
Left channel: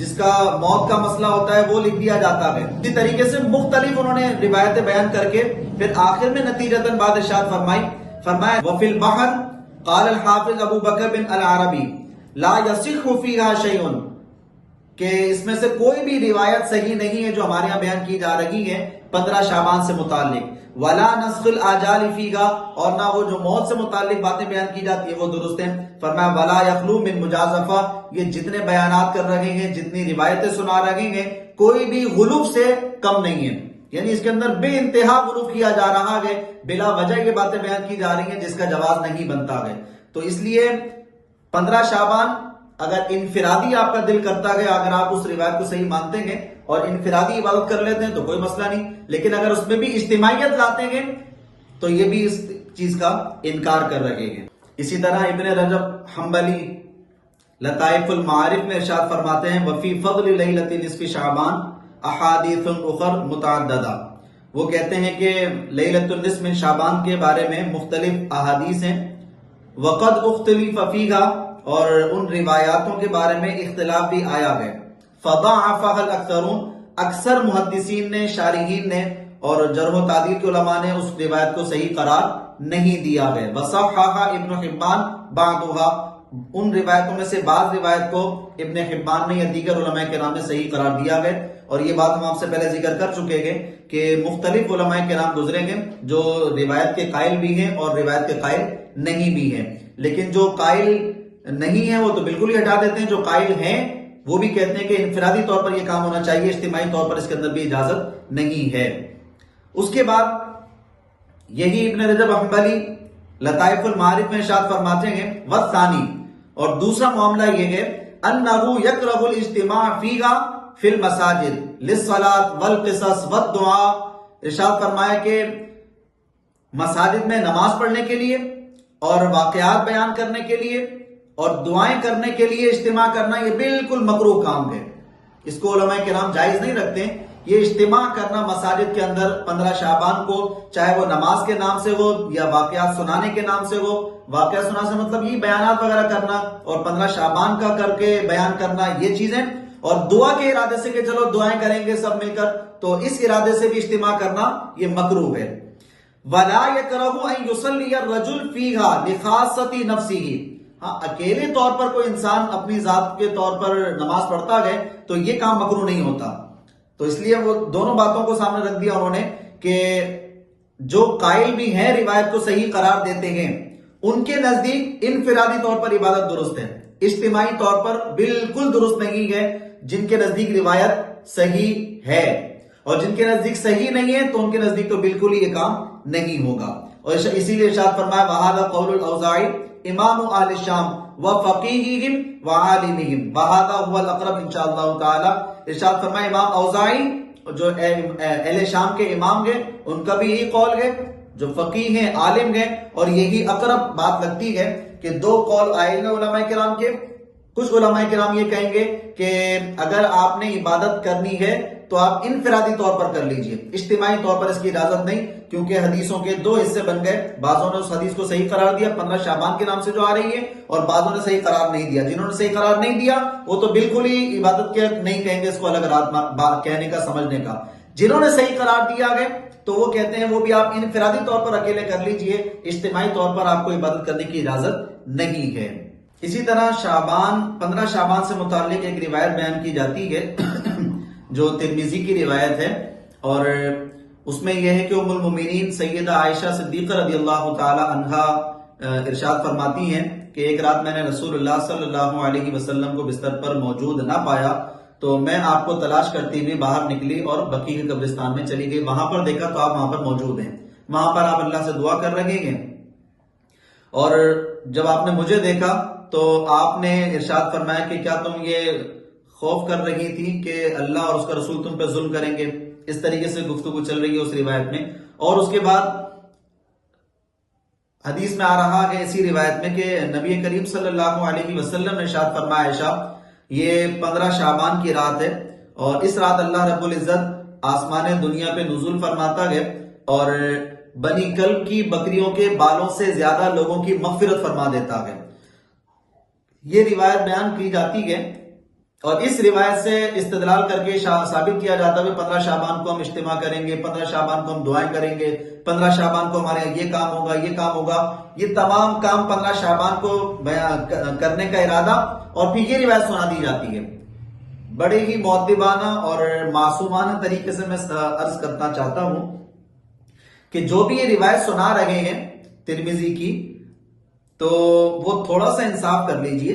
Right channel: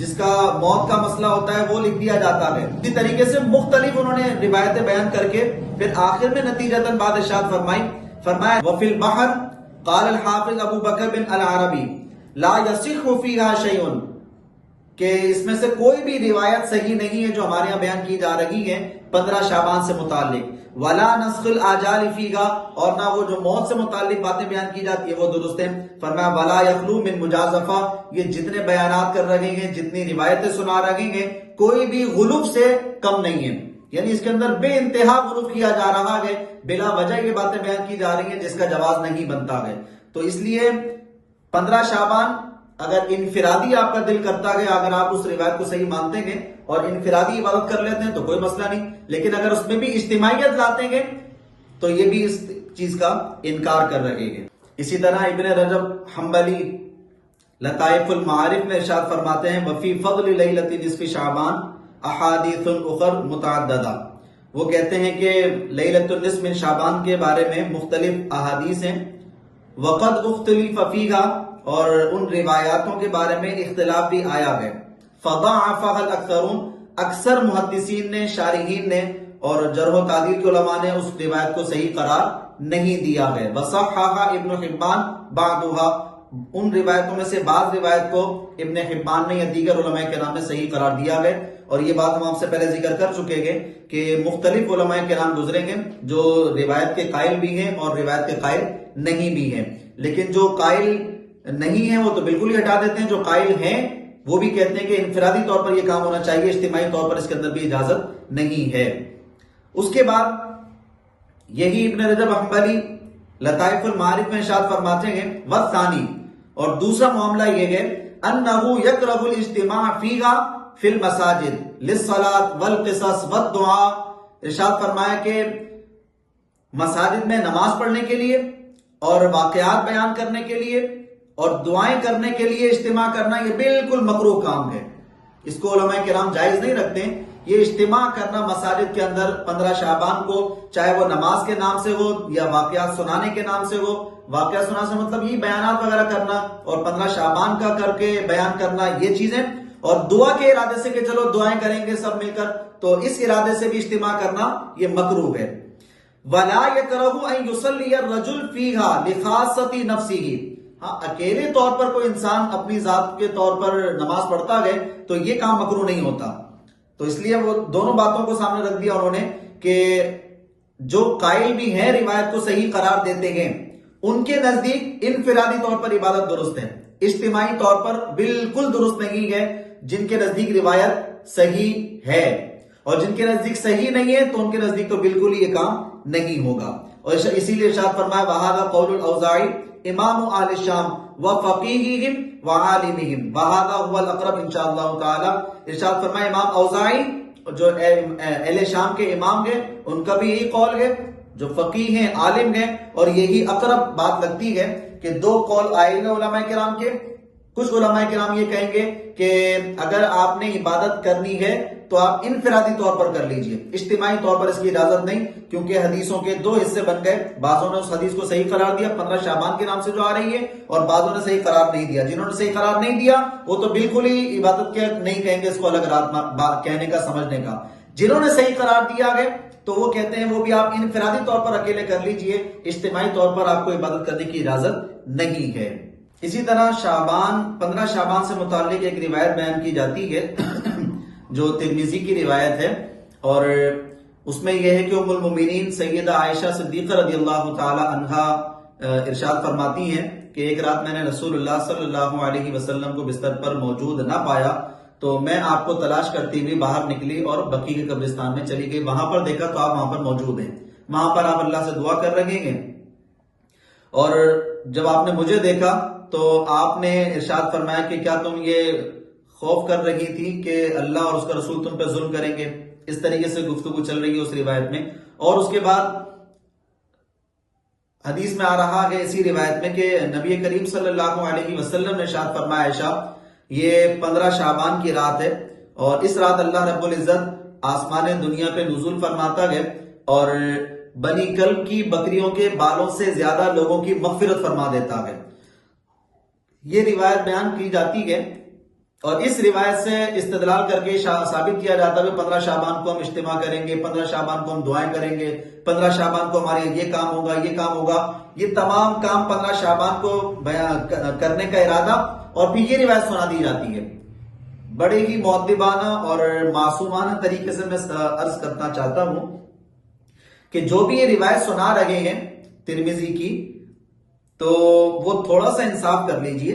جس کا موت کا مسئلہ ہوتا ہے وہ لکھ دیا جاتا ہے۔ اسی طریقے سے مختلف انہوں نے روایتیں بیان کر کے پھر آخر میں نتیجتاً بعد ارشاد فرمایا وَفِي الْبَحْرِ قال الحافظ ابو بکر بن العربی لا يصح فيها شيء، کہ اس میں سے کوئی بھی روایت صحیح نہیں ہے جو ہمارے یہاں بیان کی جا رہی ہے 15 شعبان سے متعلق، ولا نسخ الاجال فيها، اور نہ وہ جو موت سے متعلق باتیں بیان کی جاتی ہے وہ درست ہیں۔ فرمایا ولا يخلو من مجازفہ، یہ جتنے بیانات کر رہے ہیں، جتنی روایتیں سنا رہے ہیں، کوئی بھی غلو سے کم نہیں ہے، یعنی اس کے اندر بے انتہا غلو کیا جا رہا ہے، بلا وجہ یہ باتیں بیان کی جا رہی ہیں جس کا جواز نہیں بنتا ہے۔ تو اس لیے 15 شعبان اگر انفرادی آپ کا دل کرتا ہے، اگر آپ اس روایت کو صحیح مانتے ہیں اور انفرادی عبادت کر لیتے ہیں تو کوئی مسئلہ نہیں، لیکن اگر اس میں بھی اجتماعیت لاتے ہیں تو یہ بھی اس چیز کا انکار کر رہے ہیں۔ اسی طرح ابن رجب حنبلی لطائف المعارف میں ارشاد فرماتے ہیں وفی فضل لیلۃ نصف شعبان احادیث اخر متعددہ، وہ کہتے ہیں کہ لیلۃ النصف من شعبان کے بارے میں مختلف احادیث ہیں، وقد اختلف فیہا، اور ان روایاتوں کے بارے میں اختلاف بھی آیا ہے، فضاعفها الاکثرون، اکثر محدثین نے، شارحین نے اور جرح و تعدیل کے علماء نے اس روایت کو صحیح قرار نہیں دیا ہے، وصححها ابن حبان بعضها، ان روایتوں میں سے بعض روایت کو ابن حبان نے یا دیگر علماء کرام نے صحیح قرار دیا ہے، اور یہ بات ہم آپ سے پہلے ذکر کر چکے ہیں کہ مختلف علماء کرام گزرے ہیں جو روایت کے قائل بھی ہیں اور روایت کے قائل نہیں بھی ہیں، لیکن جو قائل نہیں ہیں وہ تو بالکل ہی ہٹا دیتے ہیں، جو قائل ہیں وہ بھی کہتے ہیں کہ انفرادی طور پر یہ کام ہونا چاہیے، اجتماعی طور پر اس کے اندر بھی اجازت نہیں ہے۔ اس کے بعد یہی ابن رجب حنبلی لطائف المعارف میں ارشاد فرماتے ہیں والثانی، اور دوسرا معاملہ یہ ہے انہو یکرہ الاجتماع فیہا فی المساجد للصلاۃ والقصص والدعاء، ارشاد فرمایا کہ مساجد میں نماز پڑھنے کے لیے اور واقعات بیان کرنے کے لیے اور دعائیں کرنے کے لیے اجتماع کرنا یہ بالکل مکروہ کام ہے، اس کو علماء کرام جائز نہیں رکھتے۔ یہ اجتماع کرنا مساجد کے اندر 15 شعبان کو، چاہے وہ نماز کے نام سے ہو یا واقعات سنانے کے نام سے ہو، واقعات سنانے سے مطلب یہ بیانات وغیرہ کرنا، اور 15 شعبان کا کر کے بیان کرنا یہ چیزیں، اور دعا کے ارادے سے کہ چلو دعائیں کریں گے سب مل کر، تو اس ارادے سے بھی اجتماع کرنا یہ مکروہ ہے۔ وَلَا يَكْرَهُ أَن يُصَلِّيَ الرَّجُلُ فِيهَا لِخَاصَّةِ نَفْسِهِ، ہاں اکیلے طور پر کوئی انسان اپنی ذات کے طور پر نماز پڑھتا ہے تو یہ کام مکروہ نہیں ہوتا۔ تو اس لیے وہ دونوں باتوں کو سامنے رکھ دیا انہوں نے کہ جو قائل بھی ہیں روایت کو صحیح قرار دیتے ہیں ان کے نزدیک انفرادی طور پر عبادت درست ہے، اجتماعی طور پر بالکل درست نہیں ہے۔ جن کے نزدیک روایت صحیح ہے اور جن کے نزدیک صحیح نہیں ہے تو ان کے نزدیک تو بالکل ہی یہ کام نہیں ہوگا، اور اسی لیے ارشاد فرمایا وَهَذَا قَوْلُ الْأَوْزَاعِي امام اہل الشام وفقیہہم وعالمہم وَهَذَا هُوَ الْأَقْرَبُ انشاءاللہ تعالی، ارشاد فرمایا امام اوزاعی جو اہل شام کے امام ہیں ان کا بھی یہی قول ہے، جو فقیہ ہیں عالم ہیں، اور یہی اقرب بات لگتی ہے کہ دو قول آئے ہیں علماء کرام کے۔ کچھ علماء کرام یہ کہیں گے کہ اگر آپ نے عبادت کرنی ہے تو آپ انفرادی طور پر کر لیجئے، اجتماعی طور پر اس کی اجازت نہیں، کیونکہ حدیثوں کے دو حصے بن گئے، بعضوں نے اس حدیث کو صحیح قرار دیا 15 شعبان کے نام سے جو آ رہی ہے، اور بعضوں نے صحیح قرار نہیں دیا۔ جنہوں نے صحیح قرار نہیں دیا وہ تو بالکل ہی عبادت کے نہیں کہیں گے اس کو الگ رات کہنے کا سمجھنے کا، جنہوں نے صحیح قرار دیا ہے تو وہ کہتے ہیں وہ بھی آپ انفرادی طور پر اکیلے کر لیجئے، اجتماعی طور پر آپ کو عبادت کرنے کی اجازت نہیں ہے۔ اسی طرح شعبان 15 شعبان سے متعلق ایک روایت بیان کی جاتی ہے جو ترمذی کی روایت ہے، اور اس میں یہ ہے کہ ام المومنین سیدہ عائشہ صدیقہ رضی اللہ تعالی عنہا ارشاد فرماتی ہیں کہ ایک رات میں نے رسول اللہ صلی اللہ علیہ وسلم کو بستر پر موجود نہ پایا تو میں آپ کو تلاش کرتی ہوئی باہر نکلی اور بقیع کے قبرستان میں چلی گئی، وہاں پر دیکھا تو آپ وہاں پر موجود ہیں، وہاں پر آپ اللہ سے دعا کر رہے ہیں، اور جب آپ نے مجھے دیکھا تو آپ نے ارشاد فرمایا کہ کیا تم یہ خوف کر رہی تھی کہ اللہ اور اس کا رسول تم پہ ظلم کریں گے؟ اس طریقے سے گفتگو چل رہی ہے اس روایت میں، اور اس کے بعد حدیث میں آ رہا ہے اسی روایت میں کہ نبی کریم صلی اللہ علیہ وسلم نے ارشاد فرمایا عائشہ یہ 15 شعبان کی رات ہے، اور اس رات اللہ رب العزت آسمان دنیا پہ نزول فرماتا ہے اور بنی کلب کی بکریوں کے بالوں سے زیادہ لوگوں کی مغفرت فرما دیتا ہے۔ یہ روایت بیان کی جاتی ہے، اور اس روایت سے استدلال کر کے ثابت کیا جاتا ہے 15 شعبان کو ہم اجتماع کریں گے، 15 شعبان کو ہم دعائیں کریں گے، 15 شعبان کو ہمارے یہ کام ہوگا، یہ کام ہوگا، یہ تمام کام 15 شعبان کو کرنے کا ارادہ، اور پھر یہ روایت سنا دی جاتی ہے۔ بڑے ہی مؤدبانہ اور معصومانہ طریقے سے میں عرض کرنا چاہتا ہوں کہ جو بھی یہ روایت سنا رہے ہیں ترمذی کی، تو وہ تھوڑا سا انصاف کر لیجئے،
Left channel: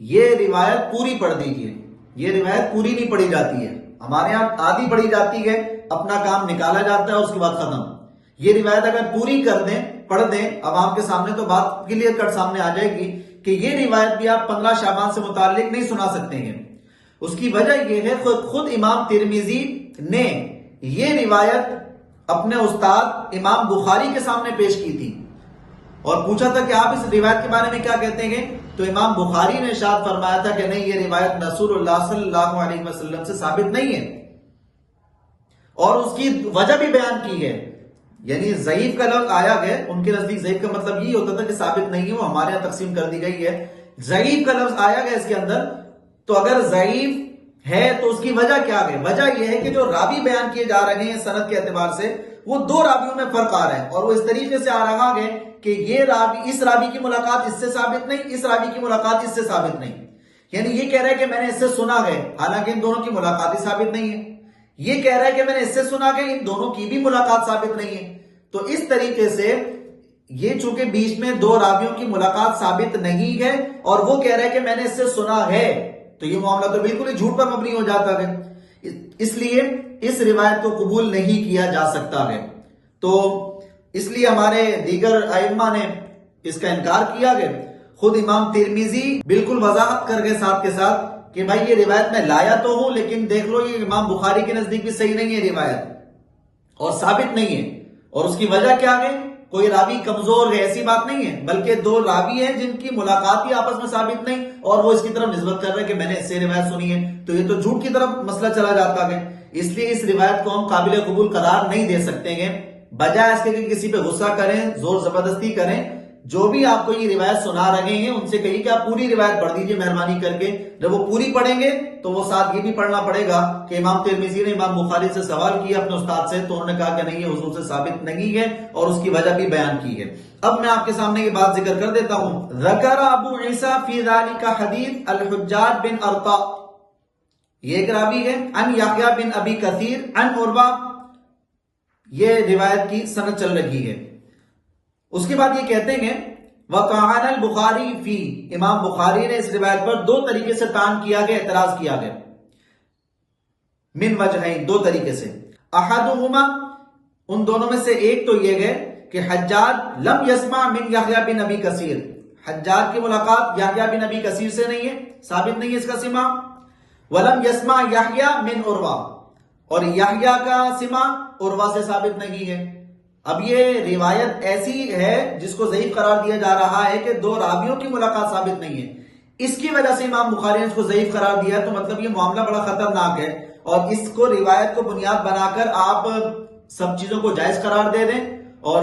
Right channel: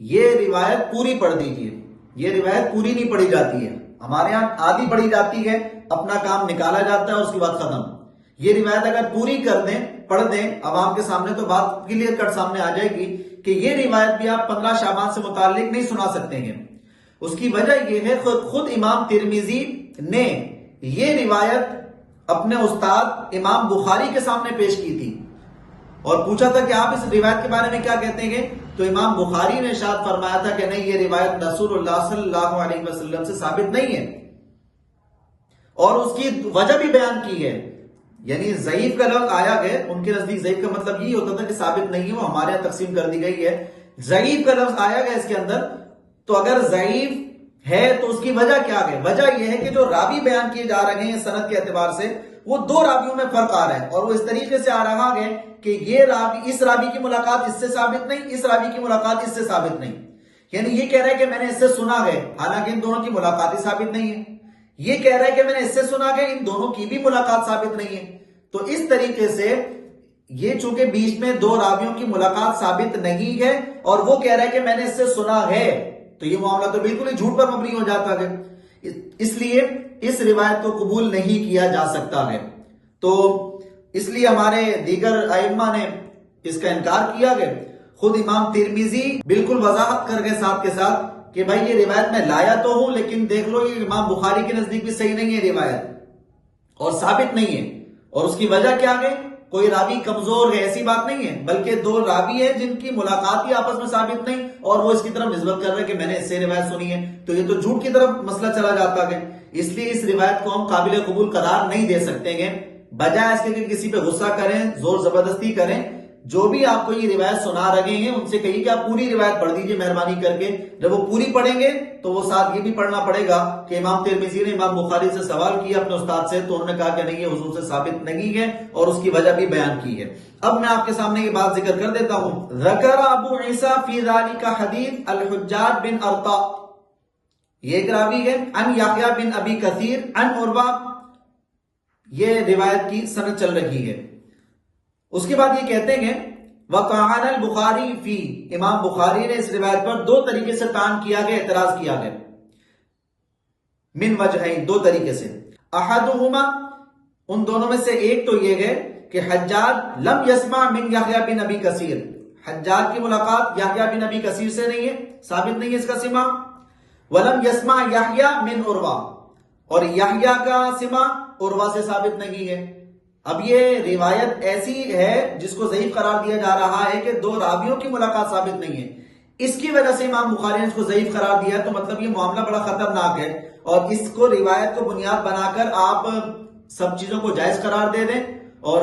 یہ روایت پوری پڑھ دیجئے، یہ روایت پوری نہیں پڑھی جاتی ہے، ہمارے ہاں آدھی پڑھی جاتی ہے، اپنا کام نکالا جاتا ہے اور اس کے بعد ختم۔ یہ روایت اگر پوری کر دیں، پڑھ دیں عوام کے سامنے تو بات کلیئر کٹ سامنے آ جائے گی کہ یہ روایت بھی آپ 15 شعبان سے متعلق نہیں سنا سکتے ہیں۔ اس کی وجہ یہ ہے خود امام ترمذی نے یہ روایت اپنے استاد امام بخاری کے سامنے پیش کی تھی اور پوچھا تھا کہ آپ اس روایت کے بارے میں کیا کہتے ہیں، تو امام بخاری نے ارشاد فرمایا تھا کہ نہیں، یہ روایت رسول اللہ صلی اللہ علیہ وسلم سے ثابت نہیں ہے، اور اس کی وجہ بھی بیان کی ہے۔ یعنی ضعیف کا لفظ آیا ہے، ان کے نزدیک ضعیف کا مطلب یہ ہوتا تھا کہ ثابت نہیں ہے، وہ ہمارے یہاں تقسیم کر دی گئی ہے۔ ضعیف کا لفظ آیا گیا اس کے اندر، تو اگر ضعیف ہے تو اس کی وجہ کیا ہے؟ وجہ یہ ہے کہ جو راوی بیان کیے جا رہے ہیں سند کے اعتبار سے، وہ دو راویوں میں فرق آ رہا ہے، اور وہ اس طریقے سے آ رہا ہے کہ یہ راوی، اس راوی کی ملاقات اس سے ثابت نہیں، اس راوی کی ملاقات اس سے ثابت نہیں۔ یعنی یہ کہہ رہا ہے کہ میں نے اس سے سنا ہے، حالانکہ ان دونوں کی ملاقات ہی ثابت نہیں ہے۔ یہ کہہ رہا ہے کہ میں نے اس سے سنا ہے، ان دونوں کی بھی ملاقات ثابت نہیں ہے۔ تو اس طریقے سے یہ چونکہ بیچ میں دو راویوں کی ملاقات ثابت نہیں ہے، اور وہ کہہ رہا ہے کہ میں نے اس سے سنا ہے، تو یہ معاملہ تو بالکل ہی جھوٹ پر مبنی ہو جاتا ہے، اس لیے اس روایت کو قبول نہیں کیا جا سکتا ہے۔ تو اس لیے ہمارے دیگر ائمہ نے اس کا انکار کیا گیا۔ خود امام ترمذی بالکل وضاحت کر گئے ساتھ کے ساتھ کہ بھائی یہ روایت میں لایا تو ہوں، لیکن دیکھ لو یہ امام بخاری کے نزدیک بھی صحیح نہیں ہے روایت، اور ثابت نہیں ہے۔ اور اس کی وجہ کیا ہے؟ کوئی راوی کمزور ہے ایسی بات نہیں ہے، بلکہ دو راوی ہیں جن کی ملاقات ہی آپس میں ثابت نہیں، اور وہ اس کی طرف نسبت کر رہے کہ میں نے اس سے روایت سنی ہے، تو یہ تو جھوٹ کی طرف مسئلہ چلا جاتا ہے۔ اس لیے اس روایت کو ہم قابل قبول قرار نہیں دے سکتے ہیں، بجائے اس کے کہ کسی پہ غصہ کریں، زور زبردستی کریں۔ جو بھی آپ کو یہ روایت سنا رہے ہیں ان سے کہیے کہ آپ پوری روایت پڑھ دیجئے مہربانی کر کے۔ جب وہ پوری پڑھیں گے تو وہ ساتھ یہ بھی پڑھنا پڑے گا کہ امام ترمذی نے امام بخاری سے سوال کیا اپنے استاد سے، تو انہوں نے کہا کہ نہیں، یہ حضور سے ثابت نہیں ہے، اور اس کی وجہ بھی بیان کی ہے۔ اب میں آپ کے سامنے یہ بات ذکر کر دیتا ہوں۔ ذکر ابو عیسیٰ فی ذالک حدیث الحجاج بن ارطا، یہ ایک راوی ہے، ان یحییٰ بن ابی کثیر ان عروہ، یہ روایت کی سند چل رہی ہے۔ اس کے بعد یہ کہتے ہیں وَطَعَنَ الْبُخَارِي فِي، امام بخاری نے اس روایت پر دو طریقے سے طعن کیا گیا، اعتراض کیا گیا، من وجہین، دو طریقے سے۔ احدهما، ان دونوں میں سے ایک تو یہ ہے کہ حجاج لم یسمع من یحییٰ بن ابی کثیر، حجاج کی ملاقات یحییٰ بن ابی کثیر سے نہیں ہے، ثابت نہیں ہے اس کا سماع۔ وَلَمْ يَسْمَعْ یحییٰ من عروہ، اور یحییٰ کا سماع عروہ سے ثابت نہیں ہے۔ اب یہ روایت ایسی ہے جس کو ضعیف قرار دیا جا رہا ہے کہ دو راویوں کی ملاقات ثابت نہیں ہے، اس کی وجہ سے امام بخاری نے اس کو ضعیف قرار دیا، تو مطلب یہ معاملہ بڑا خطرناک ہے، اور اس کو روایت کو بنیاد بنا کر آپ سب چیزوں کو جائز قرار دے دیں، اور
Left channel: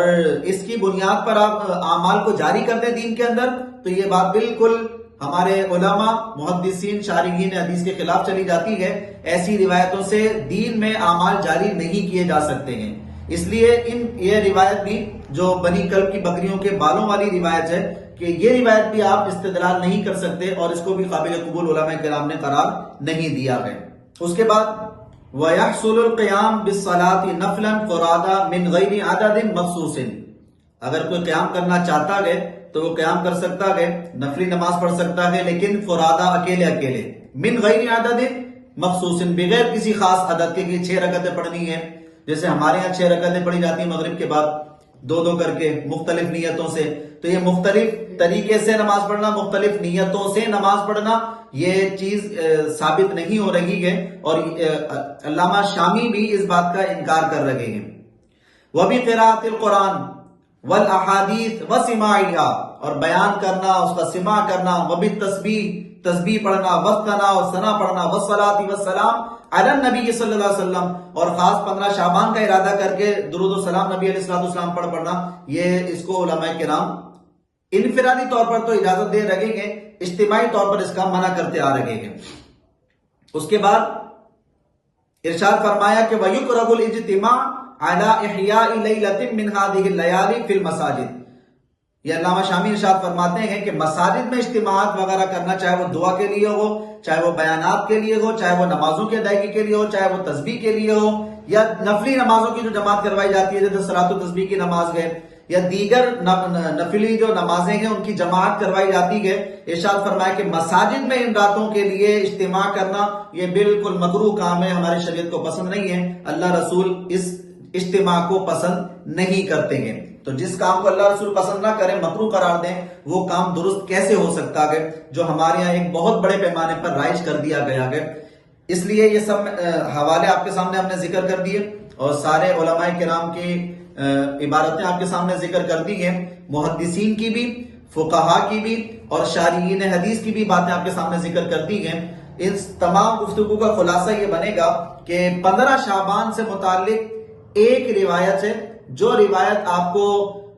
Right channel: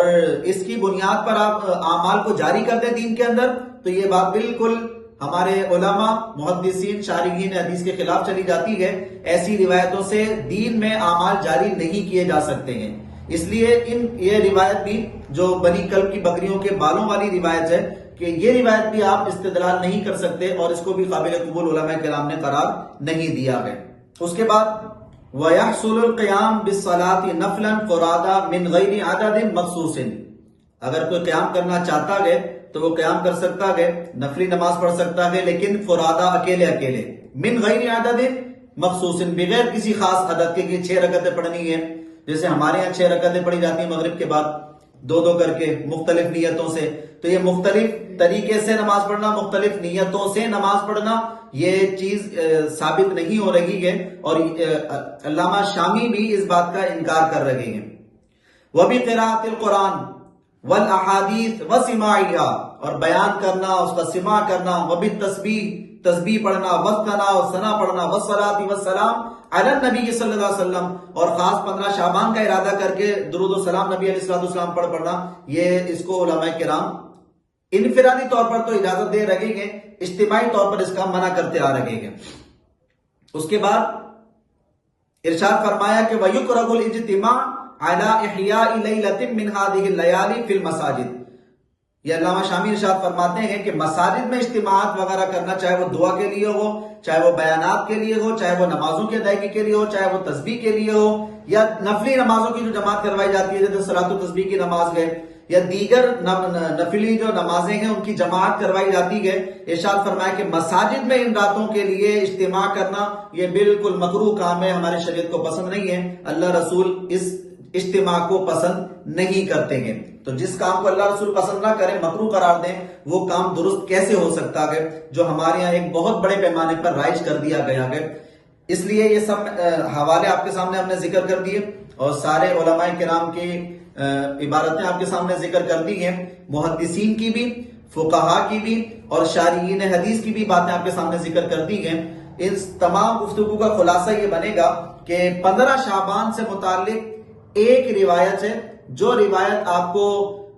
اس کی بنیاد پر آپ اعمال کو جاری کر دیں دین کے اندر، تو یہ بات بالکل ہمارے علماء، محدثین، شارحین حدیث کے خلاف چلی جاتی ہے۔ ایسی روایتوں سے دین میں اعمال جاری نہیں کیے جا سکتے ہیں۔ اس لیے یہ روایت بھی جو بنی کلب کی بکریوں کے بالوں والی روایت ہے، کہ یہ روایت بھی آپ استدلال نہیں کر سکتے، اور اس کو بھی قابل قبول علماء کرام نے قرار نہیں دیا ہے۔ اس کے بعد وَيَحْصُلُ الْقِيَامُ بِالصَّلَاةِ نَفْلًا فُرَادًا مِنْ غَيْرِ عَدَدٍ مَخْصُوصٍ، اگر کوئی قیام کرنا چاہتا ہے تو وہ قیام کر سکتا ہے، نفلی نماز پڑھ سکتا ہے، لیکن فرادا، اکیلے اکیلے، من غیر عدد مخصوص، بغیر کسی خاص عدد کے، 6 رکعتیں پڑھنی ہے، جیسے ہمارے ہاں 6 رکعتیں پڑھی جاتی ہیں مغرب کے بعد، 2 کر کے مختلف نیتوں سے، تو یہ مختلف طریقے سے نماز پڑھنا، مختلف نیتوں سے نماز پڑھنا، یہ چیز ثابت نہیں ہو رہی ہے، اور علامہ شامی بھی اس بات کا انکار کر رہے ہیں۔ وَبِقِرَاءَةِ الْقُرْآنِ وَالْأَحَادِيثِ وَسِمَاعِهَا، اور بیان کرنا، اس کا سماع کرنا، وَبِالتَّسْبِيحِ، تسبیح پڑھنا، وَالثَّنَاءِ، اور ثنا پڑھنا، وَالصَّلَاةِ وَالسَّلَامِ عَلَى النَّبِيِّ صلی اللہ علیہ وسلم، اور خاص 15 شعبان کا ارادہ کر کے درود و سلام نبی علیہ السلام پر پڑھنا، یہ اس کو علماء کرام انفرادی طور پر تو اجازت دے رہے ہیں، اجتماعی طور پر اس کا منع کرتے آ رہے ہیں۔ اس کے بعد ارشاد فرمایا کہ وَيُكْرَهُ الْاجْتِمَاعُ عَلَى إِحْيَاءِ لَيْلَةٍ مِّنْ هَٰذِهِ اللَّيَالِي فِي الْمَسَاجِدِ، یہ علامہ شامی ارشاد فرماتے ہیں کہ مساجد میں اجتماعات وغیرہ کرنا، چاہے وہ دعا کے لیے ہو، چاہے وہ بیانات کے لیے ہو، چاہے وہ نمازوں کی ادائیگی کے لیے ہو، چاہے وہ تسبیح کے لیے ہو، یا نفلی نمازوں کی جو جماعت کروائی جاتی ہے جیسے صلاۃ التسبیح کی نماز ہے، یا دیگر نفلی جو نمازیں ہیں ان کی جماعت کروائی جاتی ہے، ارشاد فرمایا کہ مساجد میں ان راتوں کے لیے اجتماع کرنا یہ بالکل مکروہ کام ہے، ہمارے شریعت کو پسند نہیں ہے، اللہ رسول اس اجتماع کو پسند نہیں کرتے ہیں۔ تو جس کام کو اللہ رسول پسند نہ کریں، مکروہ قرار دیں، وہ کام درست کیسے ہو سکتا ہے جو ہمارے یہاں ایک بہت بڑے پیمانے پر رائج کر دیا گیا ہے۔ اس لیے یہ سب حوالے آپ کے سامنے ہم نے ذکر کر دیے اور سارے علماء کرام کی عبارتیں آپ کے سامنے ذکر کر دی ہیں، محدثین کی بھی، فقہا کی بھی اور شارحین حدیث کی بھی باتیں آپ کے سامنے ذکر کر دی ہیں۔ اس تمام گفتگو کا خلاصہ یہ بنے گا کہ 15 شعبان سے متعلق ایک روایت ہے، جو روایت آپ کو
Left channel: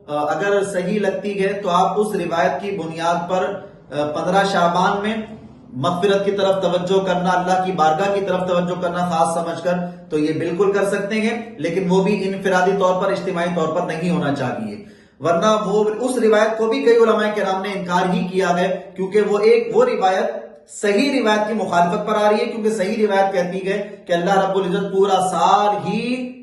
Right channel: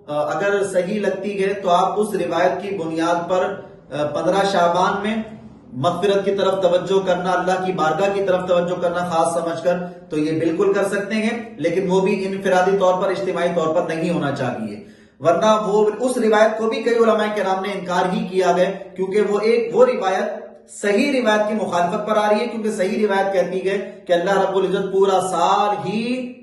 اگر صحیح لگتی ہے تو آپ اس روایت کی بنیاد پر 15 شعبان میں مغفرت کی طرف توجہ کرنا، اللہ کی بارگاہ کی طرف توجہ کرنا خاص سمجھ کر، تو یہ بالکل کر سکتے ہیں، لیکن وہ بھی انفرادی طور پر، اجتماعی طور پر نہیں ہونا چاہیے، ورنہ وہ اس روایت کو بھی کئی علماء کرام نے انکار ہی کیا ہے، کیونکہ وہ روایت صحیح روایت کی مخالفت پر آ رہی ہے، کیونکہ صحیح روایت کہتی ہے کہ اللہ رب العزت پورا سال ہی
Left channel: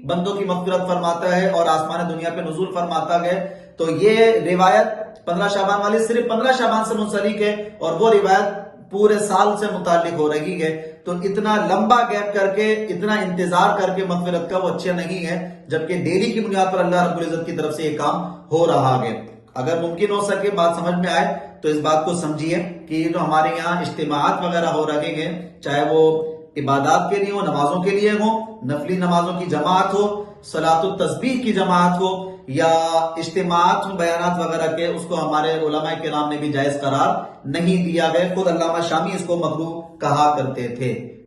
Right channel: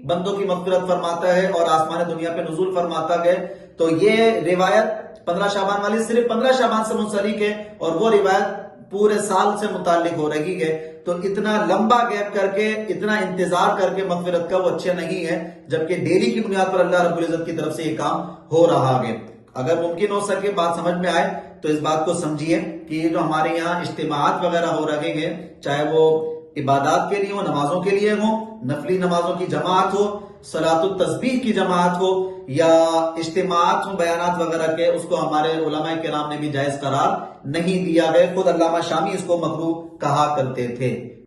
بندوں کی مغفرت فرماتا ہے اور آسمان دنیا پہ نزول فرماتا ہے، تو یہ روایت 15 شعبان والی صرف 15 شعبان سے منسلک ہے اور وہ روایت پورے سال سے متعلق ہو رہی ہے، تو اتنا لمبا گیپ کر کے، اتنا انتظار کر کے مغفرت کا وہ اچھا نہیں ہے، جبکہ ڈیلی کی بنیاد پر اللہ رب العزت کی طرف سے یہ کام ہو رہا ہے۔ اگر ممکن ہو سکے، بات سمجھ میں آئے تو اس بات کو سمجھیے کہ یہ جو ہمارے یہاں اجتماعات وغیرہ ہو رہے ہیں، چاہے وہ عبادات کے لیے ہو، نمازوں کے لیے ہو، نفلی نمازوں کی جماعت ہو، صلاۃ التسبیح کی جماعت ہو، یا اجتماعات ہوں بیانات وغیرہ کے، اس کو ہمارے علماء کرام نے بھی جائز قرار نہیں دیا ہے، خود علامہ شامی اس کو مکروہ کہا کرتے تھے۔